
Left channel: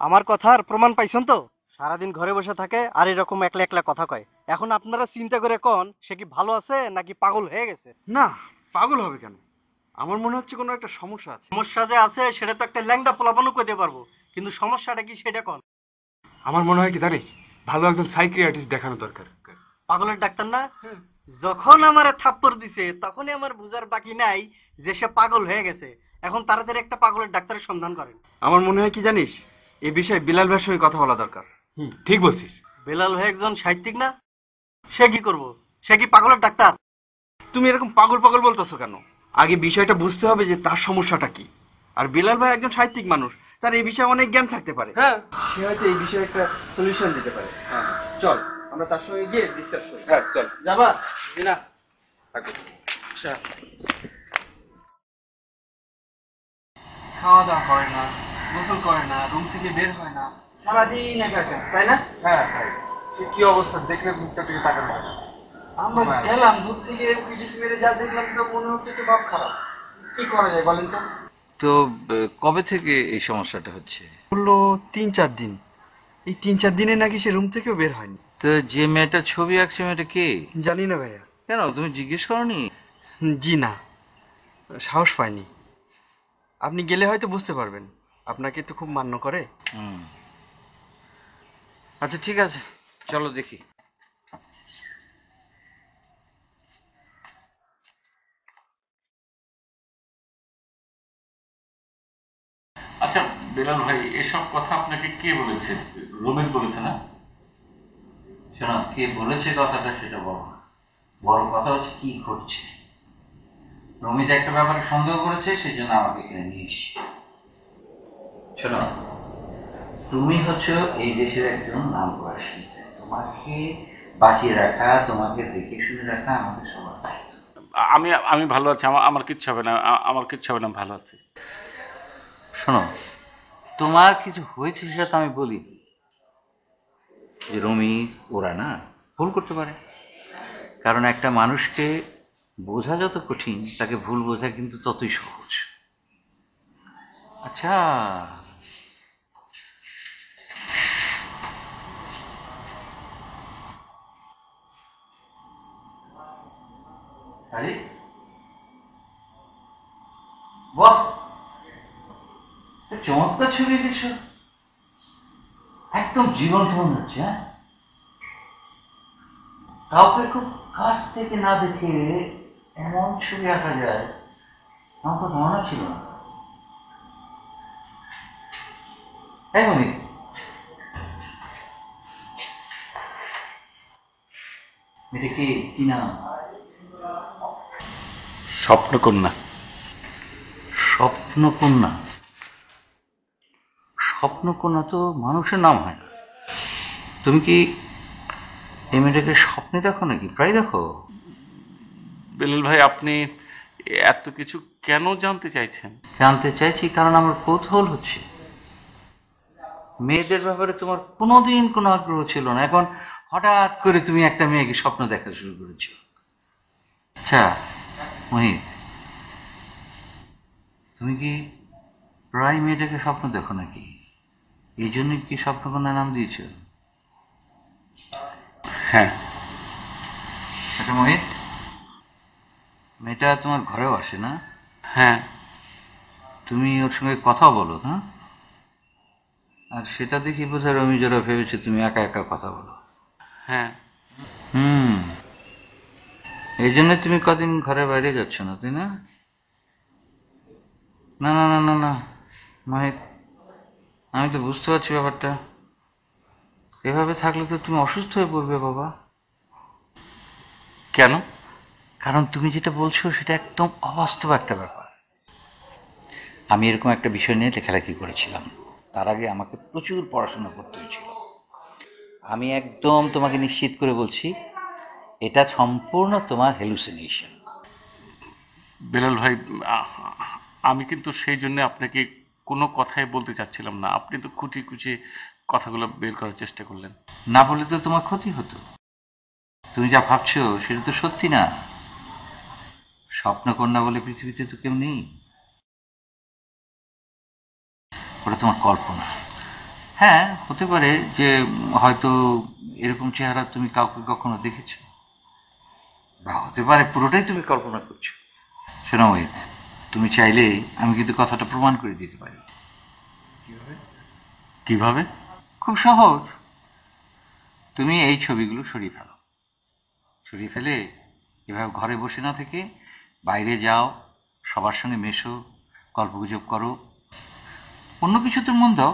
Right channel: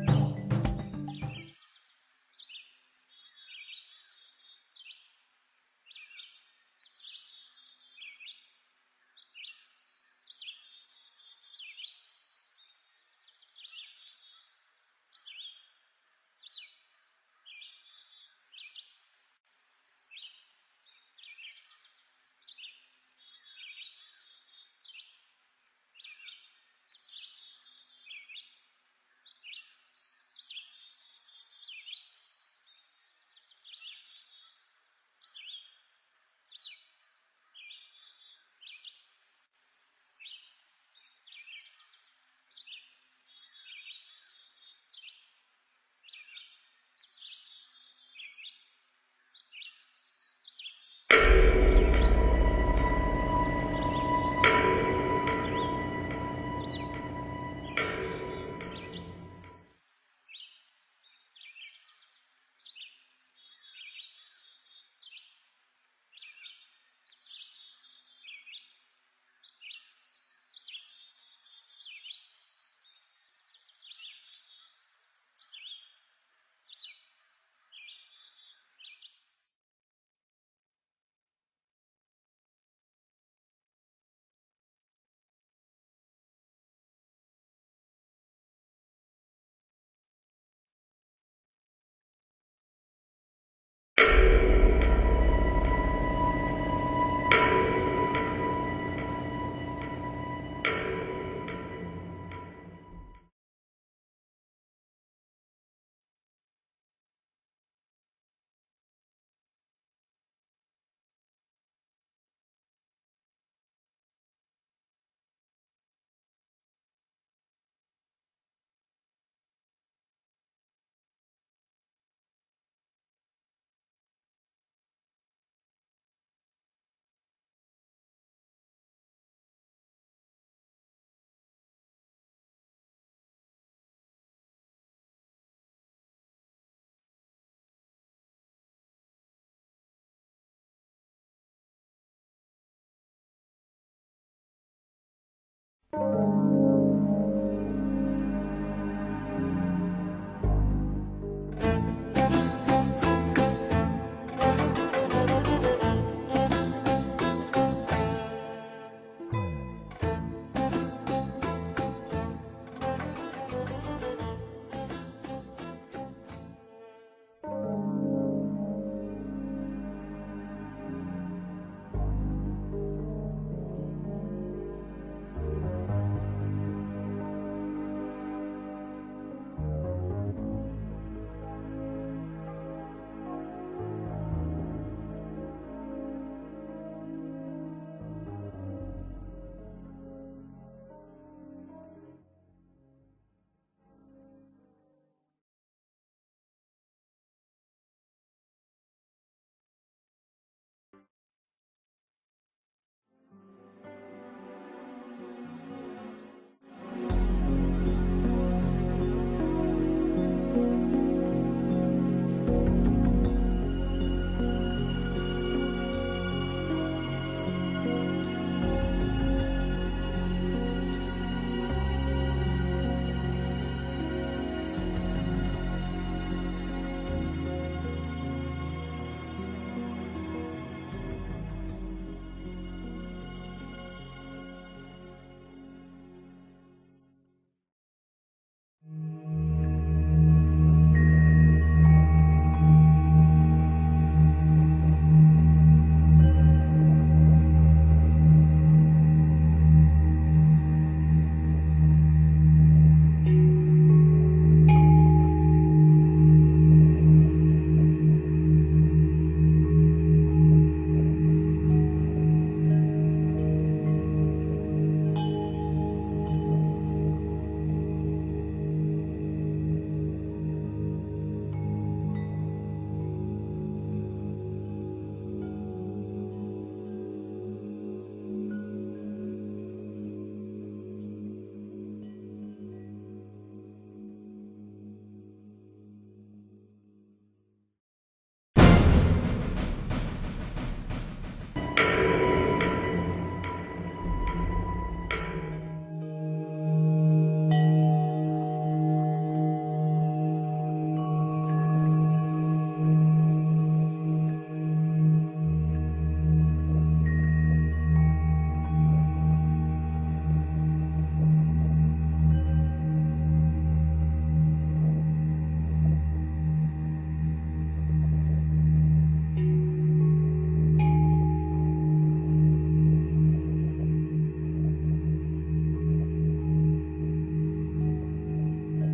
আমার কথার প্রমাণ পাইছেন তো? সারাদিন ঘরে বসে থাকে আর এরকম একলা একলা কথা কয়। এখন আপনারা চিন্তা করে কোন সে কি ভালো আছে নাকি পাগল হয়ে গেছে? না, পাগল হবে কেন? আমার মনে হচ্ছে কোনো একটা সমস্যা আছে। সমস্যা যে আছে সেটা তো একটা ল্যাংড়া পোলাপানও কইতে পারবো, কিন্তু সমস্যাটা কি সেটা কোন? আমার মনে হয় কি জানিস, ভালো একজন সাইকিয়াট্রিস্ট দেখানো দরকার। পাগলের ডাক্তার না? যখন আমারে থাপ্পড় দিছে তখনই আমার বুঝার বাকি নাই যে সে পাগল হয়ে গেছে। এখন তাড়াতাড়ি একটা পাগলের ডাক্তারের সন্ধান করেন। আমার মনে হয় কি জানিস, এই বিষয়ে বিলাল ভাইয়ের সঙ্গে কথা বলা দরকার। ঠিক বলছিস। বেলাল ভাই একজন সাহিত্যিক না? সে কি করব? সে কি পাগলের ডাক্তার? তুমি এরকম পাগল পাগল বলতেছো কেন? আগে বিষয়টা বুঝতে হবে যে তার সমস্যাটা কি। আর বিলাল ভাই একজন সাহিত্যিক মানুষ, তার এই বিষয়ে অনেক জ্ঞান থাকতে পারে। হ্যাঁ, সে হয়তো এই বিষয়ে একটা সলিউশন দিতে পারে। হ্যাঁ, চল আমরা তার সঙ্গে গিয়ে ডিসকাস করি। হ্যাঁ চল। যাবা না? আচ্ছা, খাওয়া দাওয়া করে না, গোসল করে না, রুম থেকে বের হয় না, সারাদিন একা একা, তাই না? হ্যাঁ, কি অবস্থা দেখলে মুখটা থেকে তাকানো হয় না। আমরা গেলাম দূর থেকে পিটিস মেরে যা দেখলাম তো মনে হচ্ছে তো ভাব খারাপ। কি করা যায় বলেন তো? তো কবে থেকে এই সমস্যাটা হচ্ছে? বললো 3-4 দিন। এই 3-4 দিনে নাকি সে রুম থেকেও বের হয়নি। তো যে মেয়েটার ছবি আঁকছে মেয়েটা কে? জানি না ভাইয়া। কেন তুমি জিজ্ঞেস করনি? জি না, সাহস পাইনি। আপনি গেলে হয়তো বুঝতে পারবেন, আপনাকে তো খুব মান্য করে। হুম, আচ্ছা ঠিক আছে, চলো দেখি। আচ্ছা বেলাল ভাই, এসব কথা আপনাকে কে বলেছে? রমেশ বলেছে না? শোনো, কে বলেছে কথাটা সেটা বড় না, বড় কথা হচ্ছে কি ঘটছে। রমিত একটা ব্যাপারে সন্দেহ করেছে, সেই জন্য আমাকে এখানে নিয়ে এসেছে। শোনো, তুমি হচ্ছে এই দেশের একজন নামকরা শিল্পী, তোমাকে বাঁচিয়ে রাখা, তোমাকে দেখে শুনে রাখা আমাদের সবার দায়িত্ব। আমি আমি ভালো আছি, আমার কিচ্ছু হবে না, আমার কিচ্ছু হবে না, ভালো আছি। শোনো, তোমার কিছু হয়েছে সেটা তো আমি বলি, যে রমি ওরা না ভুল করতে পারে। কারণ একটা মানুষকে বোঝা যত কঠিন, তাকে ভুল বোঝা কিন্তু ততই সহজ। আচ্ছা, আরে বাহ, চমৎকার ছবি এঁকেছো, একদম জীবন্ত মনে হচ্ছে। হ্যাঁ, কাউকে খুব কাছ থেকে না দেখে এমন ছবি আঁকা যায় আমার তো ধারণা ছিল না। এমনই এটা কি নাম? স্বপ্নকন্যা। স্বপ্নকন্যা? স্বপ্নকন্যা তো মানুষের নাম হয় না। তুমি কি এই মেয়েটাকে স্বপ্নে দেখো নাকি, প্রায় দেখো? বেলাল ভাই, আপনি এত কিছু কেন জানতে চাইছেন? জানতে চাইছি কারণ আমার কৌতূহল হচ্ছে। মেয়েদের ব্যাপারে তোমার কোনোদিন কোনো আগ্রহ ছিল না, এখন হঠাৎ করে তুমি একটা মেয়েকে স্বপ্ন দেখা শুরু করছো। আচ্ছা মোহিত, তুমি কি প্রায় মেয়েটাকে স্বপ্ন দেখো নাকি? এই জন্যই কি স্বপ্নকন্যা নাম দিয়েছো? হ্যাঁ। আচ্ছা মোহিত, মেয়েটা তোমার ঘরেও আসে না? হ্যাঁ। তুমি ওর সঙ্গে কথা বলো? হ্যাঁ, আর সেটা দেখি বোঝা রমি যারা ভেবেছে তুমি একা একা কথা বলো। হ্যাঁ। এই জন্য তুমি কদিন ঘরে বাইরে যাচ্ছ না, তাই না? না না না না না মাহিত, আমি তো বুঝতে পারছি ব্যাপারটা। এভাবে থাকলে তো তুমি অসুস্থ হয়ে পড়বে বাবা। কেন? কারণ তুমি যেটা বলছো সেটা একদম অবাস্তব একটা ব্যাপার। আমি এরকম একটা বিষয় নিয়ে লেখালেখি করেছিলাম, তার আগে আমাকে প্রচুর পড়াশোনা করতে হয়েছিল। আমি একদম তোমাকে নিশ্চিত করে বলছি এটা সম্পূর্ণ তোমার হ্যালুসিনেশন। বেলাল ভাই, আমি কিন্তু সেই জন্য আপনাকে কোনো কথাই বলতে চাচ্ছিলাম না। আপনি তো খুঁটি খুঁটি কথাগুলো বের করার চেষ্টা করলেন। না বলে তো তোমার ক্ষতি হতো। তুমি যা ভাবছো সেটা তো সত্যি না। স্বপ্নকন্যা বলে পৃথিবীতে তো কেউ নেই, ওটা তোমার কল্পনা। হ্যাঁ, হতে পারে যে হয়তো এরকম চেহারা তুমি কাউকে কখনো দেখেছো, বা হতে পারে পুরোটাই তুমি কল্পনা করছো। শোনো মোহিত, তুমি চাইলে আমি কিন্তু কথাটা প্রমাণ করে দিতে পারি। কিভাবে? খুব সহজ। তুমি এই ছবিগুলো সরিয়ে ফেলো, সরিয়ে ফেলে এভাবে ঘরে বসে না থেকে বাইরে যাও, সবার সঙ্গে মেশো, গল্পগুজব করো, অন্য কিছুতে মন দাও,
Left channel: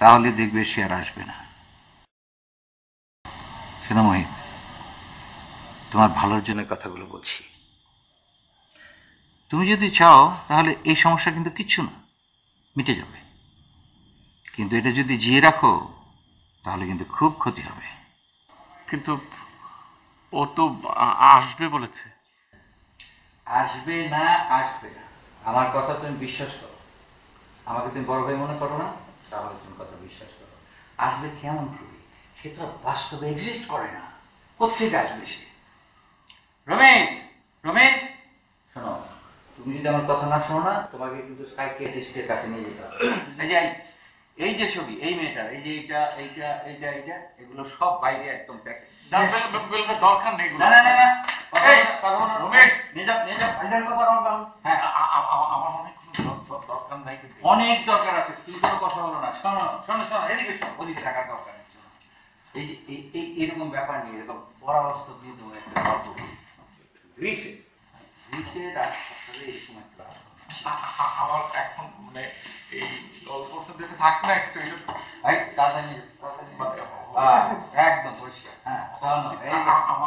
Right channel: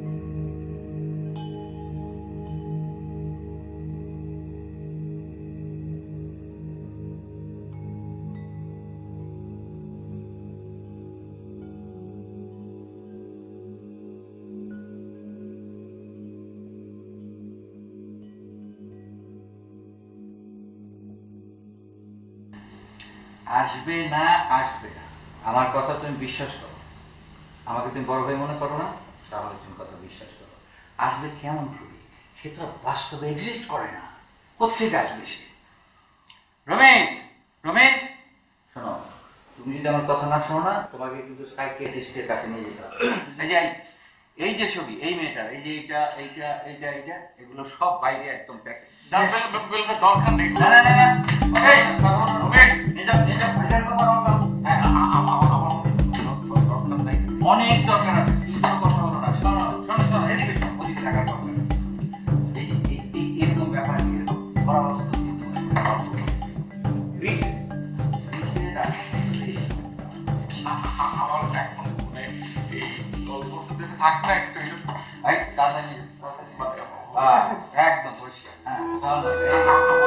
তাহলে দেখবে সে আর আসবে না। শোনো মোহিত, তোমার ভালোর জন্য কথাগুলো বলছি। তুমি যদি চাও তাহলে এই সমস্যা কিন্তু কিচ্ছু না, মিটে যাবে। কিন্তু এটা যদি জিয়ে রাখো তাহলে কিন্তু খুব ক্ষতি হবে। কিন্তু ও তো আসবে বলেছে। আসবে না, আসবে না, আমার কথা তুমি বিশ্বাস করো। আমাকে তুমি বড় ভাই মনে করো না, তাহলে তুমি কথা বিশ্বাস করো। আসবে কেমন করে? সে তো বাস্তবে এক্সিস্ট করে না, কোথেকে আসবে সে? রমেশ, রমেশ শোনো, তুমি যদি আমার কথা না শোনো না, তোমাকে কিন্তু সাইকিয়াট্রিস্টের কাছে নিয়ে যেতে হবে। এই যে ছবি, এই মেয়েটার, এই যে এইটা এইটা এইটা এইটা, এগুলো সব বাইরে একদম প্যাকেট। দরকার নেই। না না না না, এই রমেশ, নিয়ে যাও নিয়ে যাও, ভাইজান কথা বলবো। হ্যাঁ, দরকার নাই। অনেক দরকার আছে, তুমি কোনো কথা বলো না। শোনো শোনো শোনো, এদিকে শোনো, ওদিকে টাকার দরকার নেই। এই যে এরকম ব্যাপার নিয়ে এরকম পরামর্শ দিয়ে তোমার আমার এখন মানে এই গল্পটা দেখে থাক না একটু। একদম পরিষ্কার। হ্যাঁ, চলো, এই যে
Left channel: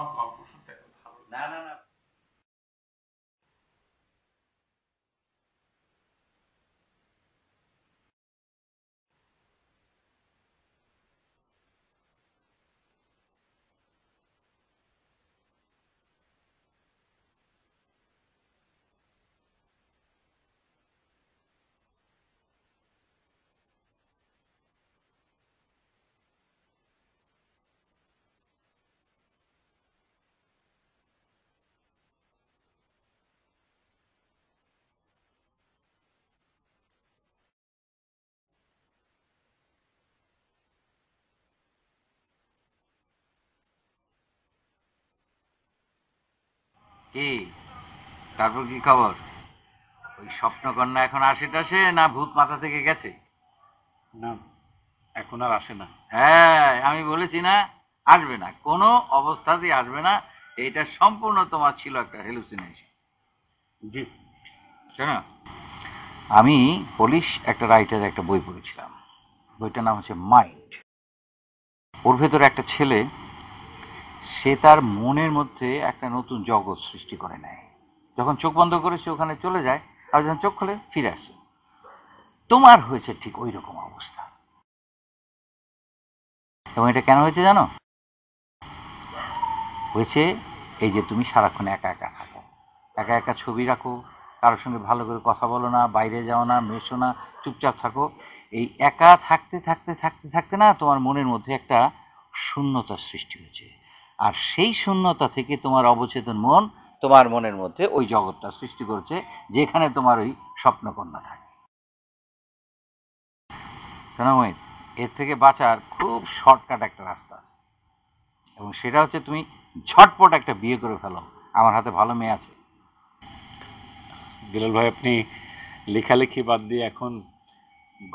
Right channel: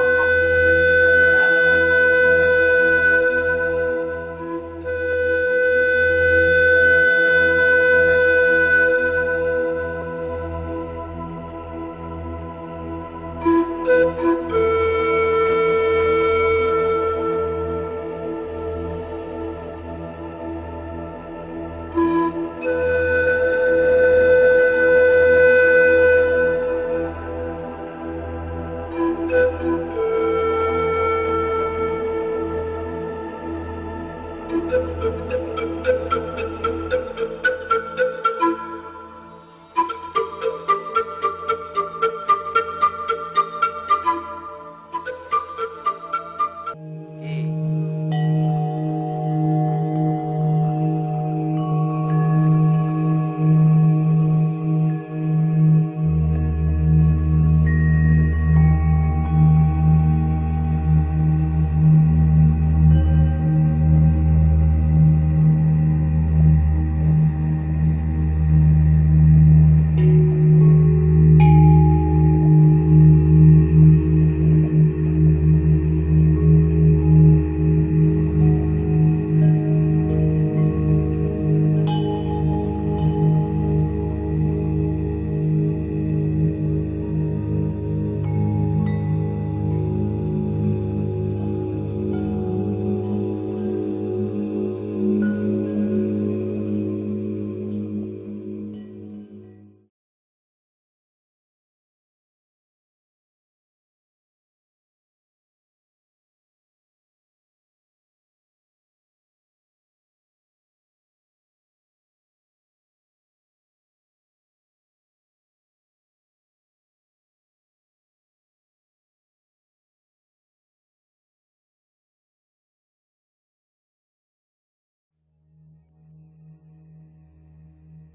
কি তারপর কি খবর? স্বপ্নকন্যা এখন আসে টাসে না ভূত মাথা থেকে গেছে? এখন আর আসে না। হ্যাঁ, আমি বলেছি না আসবে না, কোনো অবস্থাতেই আসবে না। এইটা সম্পূর্ণ তোমার ছিল একটা হ্যালুসিনেশন। শোনো, আমি পুলিশ একটা রাইটার একটা বই পড়েছিলাম, বইটার নাম হচ্ছে মাইন্ড। ওর ভেতরে একটা ছেলে, সে তার মনের মধ্যে একটা নতুন জগৎ সৃষ্টি করে নেয়। যখন চোখ বন্ধ করে সে ওখানে চলে যায়, আর যখন চোখ খুলে ফিরে আসে। তোমার হয়েছে ঠিক ওই রকম অবস্থা। এবং এটা কেন হয়েছে জানো? হয়েছে এই যে তুমি সারাক্ষণ একা একা থাকো, একা একা ছবি রাখো, কারোর সঙ্গে ভালো করে কথা বলো না, বাইরে যাও না, মেশো না, চুপচাপ থাকো। এই একা থাকতে থাকতে থাকতে থাকতে না তোমার মনের মধ্যে একটা শূন্যতার সৃষ্টি হয়েছে। আর সেই শূন্যতা থেকে তোমার অবচেতন মন তোমার মনের মধ্যে ওই জগৎটা সৃষ্টি করেছে যেখানে তোমার ওই স্বপ্নকন্যা থাকে। সোনাময়ী, এর থেকে বাঁচার খুব শর্টকাট একটা রাস্তা আছে, এবং সেটা হচ্ছে তুমি ঝটপট একটা বিয়ে করে ফেলো। আমার হাতে ভালো মেয়ে আছে। দুলাল ভাই, আপনি লেখালেখি বাদ দিয়ে এখন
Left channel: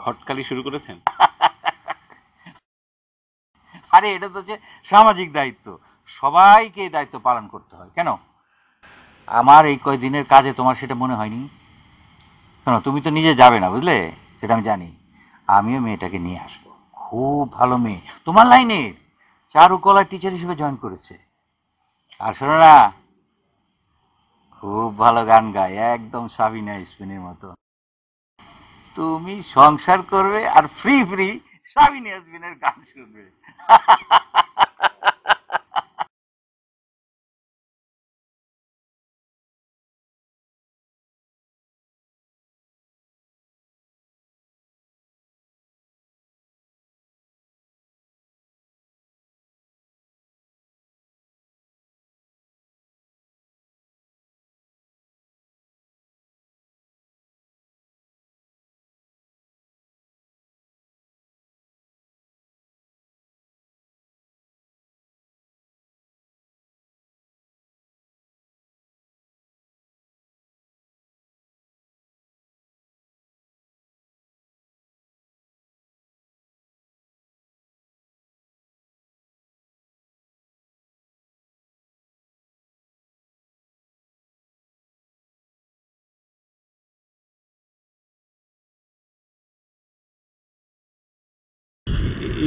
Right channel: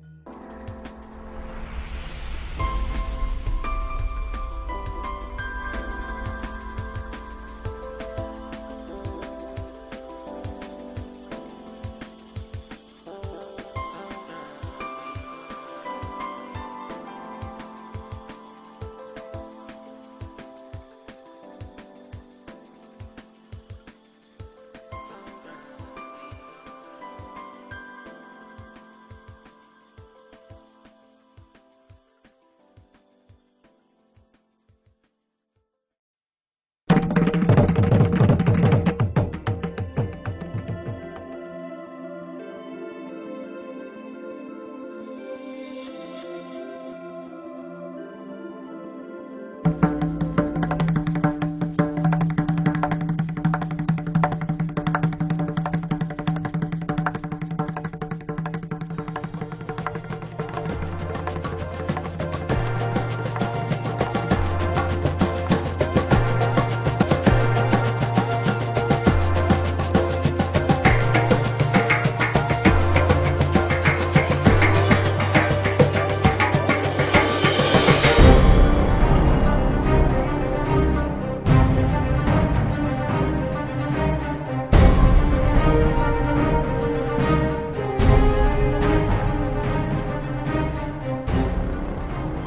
ঘটকালি শুরু করেছেন? আরে এটা তো হচ্ছে সামাজিক দায়িত্ব, সবাইকে এই দায়িত্ব পালন করতে হয়। কেন আমার এই কয়দিনের কাজে তোমার সেটা মনে হয়নি? শোনো, তুমি তো নিজে যাবে না, বুঝলে, সেটা আমি জানি। আমিও মেয়েটাকে নিয়ে আসি, খুব ভালো মেয়ে, তোমার লাইনের, চারুকলা টিচার হিসেবে জয়েন করেছে। আর শোনো না, খুব ভালো গান গায়, একদম সাবিনা ইয়াসমিনের মতো। তুমি সংসার করবে আর ফ্রি ফ্রি সাবিনা ইয়াসমিনের গান শুনবে।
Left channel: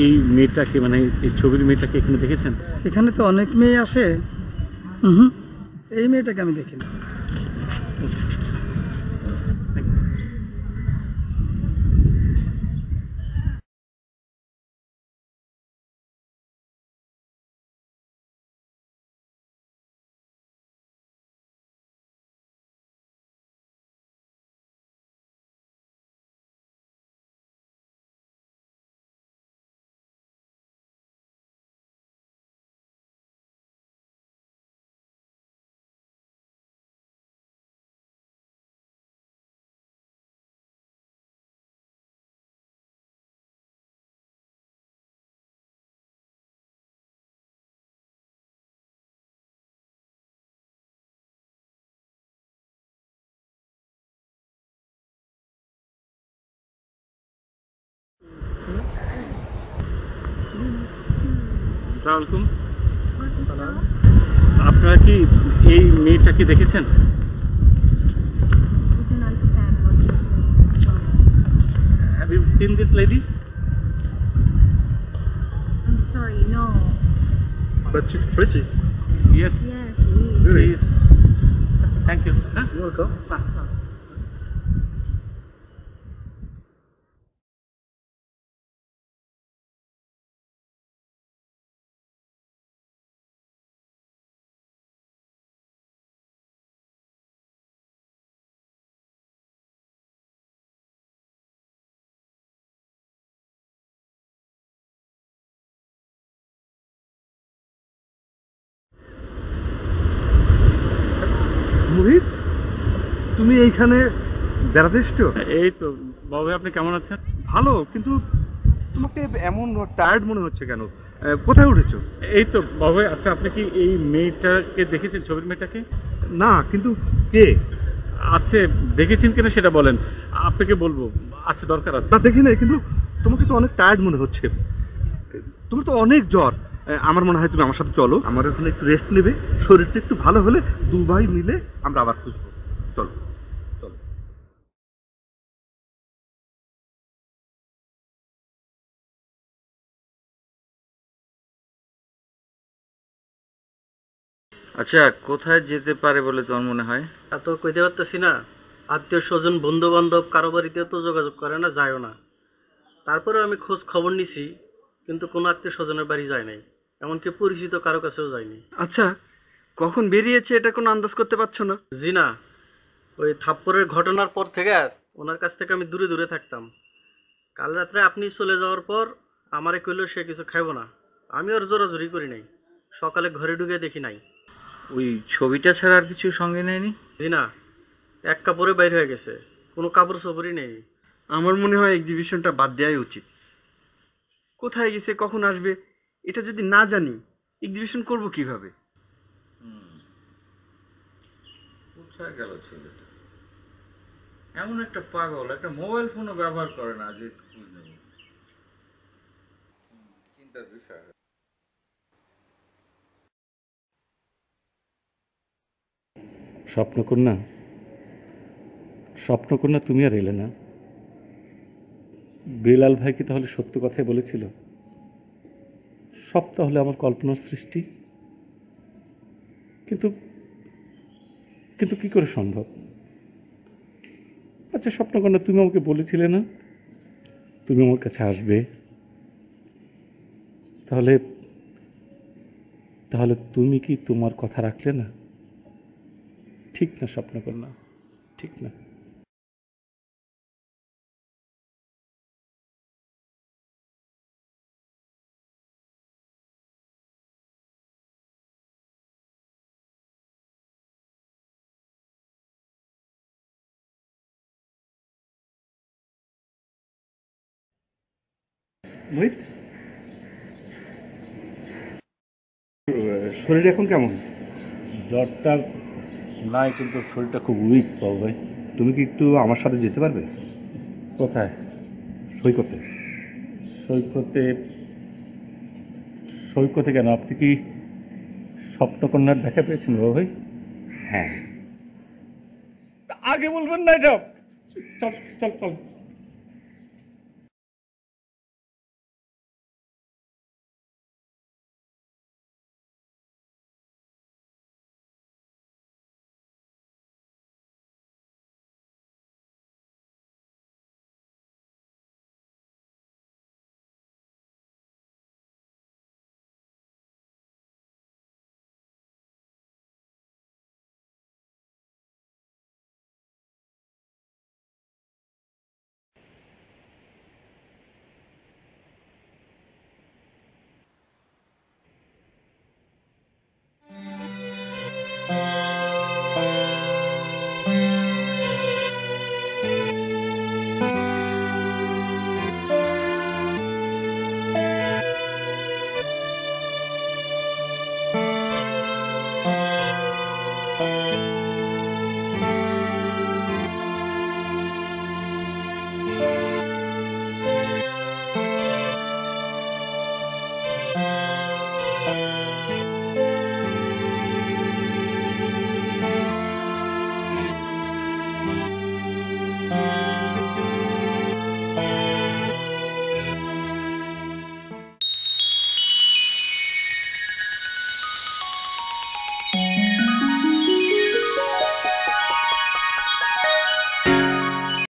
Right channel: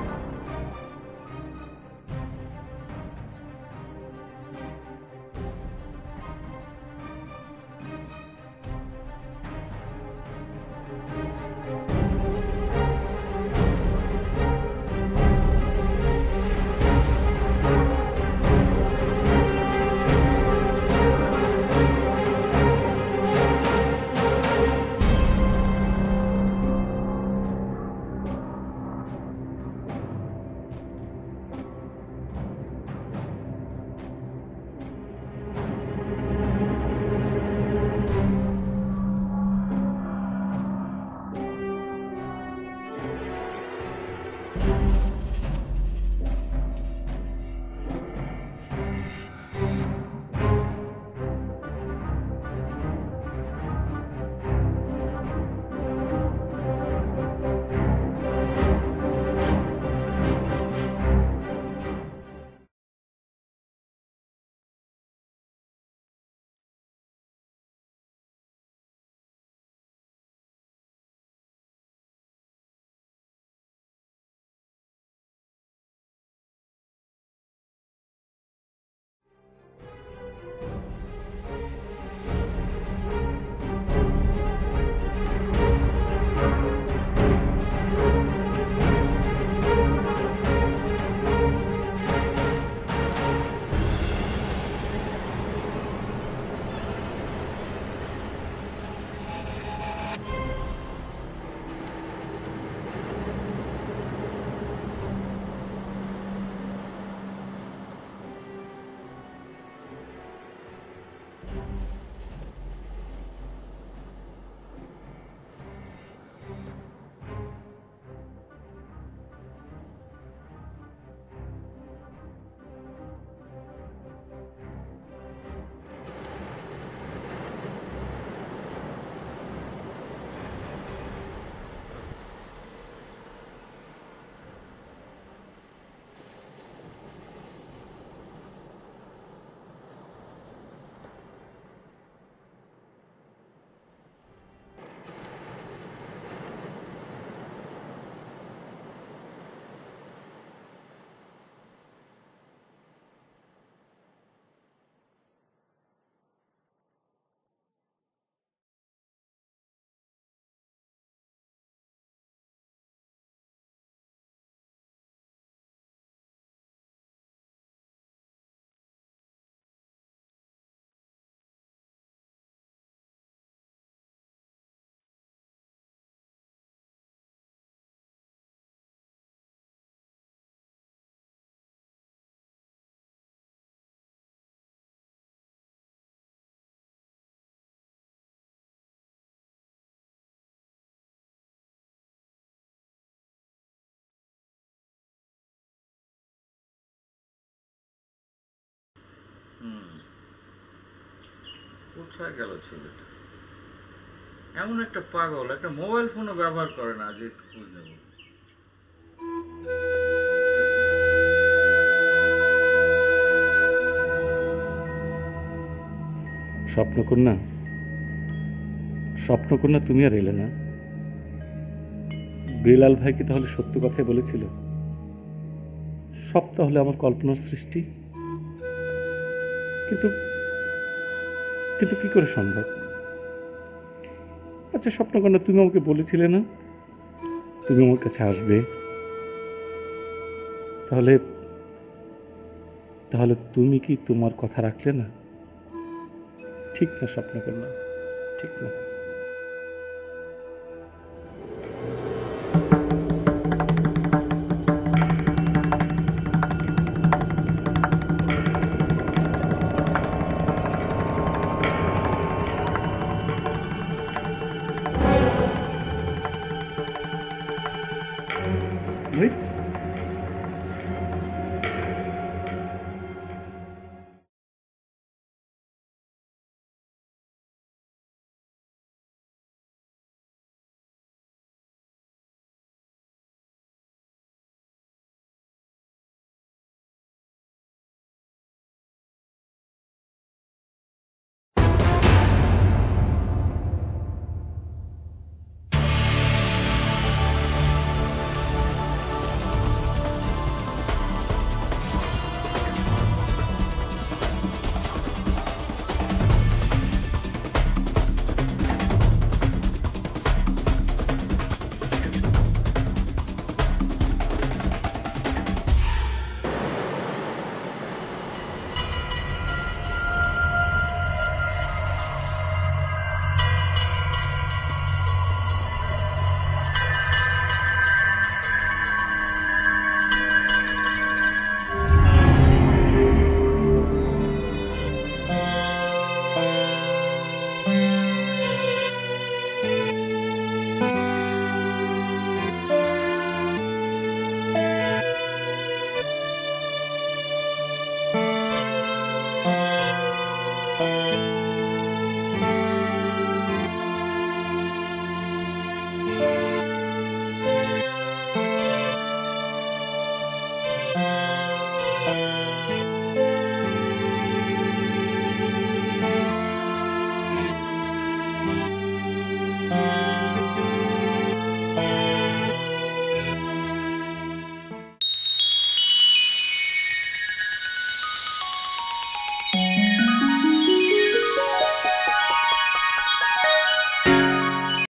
এই মেয়েটাকে, মানে এই ছবির মেয়েটাকে এখানে দেখেছেন? এখানে তো অনেক মেয়ে আসে, হুম, এই মেয়েটাকে আমি দেখি না। আসসালামু আলাইকুম। আপনারা কি এই মেয়েটাকে দেখেছেন? Have you seen this lady? I'm sorry, no. But she's pretty. Yes. Yes, she is. She is. Thank you. Huh? Welcome. মোহিত, তুমি এইখানে বেড়াতে এসছো? এই তো বাবু, আপনি কেমন আছেন? ভালো, কিন্তু তোমাকে এমন টায়ার্ড মনে হচ্ছে কেন? কোথায় উঠেছো? এই তো বাবু। আচ্ছা, আপনি কি এই মেয়েটাকে দেখেছেন, ছবির মেয়েটাকে? না, কিন্তু কে? আচ্ছা, দেখেছেন কিনা সেটা বলেন, আপনাকে বলবো। আচ্ছা, দরকার আছে। না, দেখি নাই, কিন্তু তোমাকে তো অনেক টায়ার্ড মনে হচ্ছে। তুমি তো অনেক জ্বর। আমার মনে হয় তুমি আমার সাথে চলো, আমার ওখানে একটু রেস্ট নেবে, শরীরটা একটু ভালো হলে দু ভাই মিলে আমরা আবার খুঁজবো। চলো চলো। আচ্ছা, কোথায় যেতে পারে বলে তোমার মনে হয়? তা তো কইতে পারতেছি না। আত্মীয় স্বজন, বন্ধু বান্ধব কারো বাড়িতে তো যোগাযোগ করে না, যায়ও না। তারপরে আমি খোঁজ খবর নিছি, কিন্তু কোনো আত্মীয় স্বজনের বাড়ি যায় নাই। এমনকি পরিচিত কারো কাছেও যাইনি। আচ্ছা, কখন বেরিয়েছে এটা কোনো আন্দাজ করতে পারছো না? জি না, ওই থাপ্পড়ের ঘটনার পর থেকে ওনার কাছ থেকে আমি দূরে দূরে থাকতাম। কাল রাত্রে আপনি চলে যাওয়ার পর আমারে কইলো সে কিছু খাইবো না, আমি ওর জোরাজুরি করি নাই, সকালে ঘরে ঢুকে দেখি নাই। ওই ছবিটা ছাড়া আর কিছু সঙ্গে নেয়নি? জি না, এক কাপড়ে বাইর হয়ে গেছে, কোনো কাপড় চোপড়ই নেই। আমার মনে হয় এক্সিবিশনটা বাদ দেওয়াই উচিত। কোথায় গেছে, কখন আসবে, এটা যদি না জানি এক্সিবিশন করব কিভাবে? কোথায় গেল ছেলেটা? এমন একটা পাগল, একটা মোবাইল ফোনও ব্যবহার করে না যে একটু খোঁজ নেব। স্বপ্নকন্যা, স্বপ্নকন্যা তুমি আর এলে না। বেলাল ভাই কি তাহলে সত্য কথাই বলেছিল? সব তাহলে আমার কল্পনার সৃষ্টি? কিন্তু কিন্তু কি করে সম্ভব? আচ্ছা স্বপ্নকন্যা, তুমি আমাকে বলেছিলে না তুমি আমার কাছে আসবে? তাহলে তাহলে তুমি কি তোমার কথা রাখলে না? ঠিক না স্বপ্নকন্যা, ঠিক না। শরীর এখন কেমন? জ্বরটা নাই, কিন্তু শরীরটা খুব উইক পাও ভাই। তুমি কি একটু আমার সাথে যেতে পারবে? কোথায়? সৈকতে। সৈকতে? সৈকতে কেন? আপনি কি স্বপ্নকন্যার দেখা পেয়েছেন বাবা ভাই? হ্যাঁ। আগে বলবেন না এটা। চল চল চল।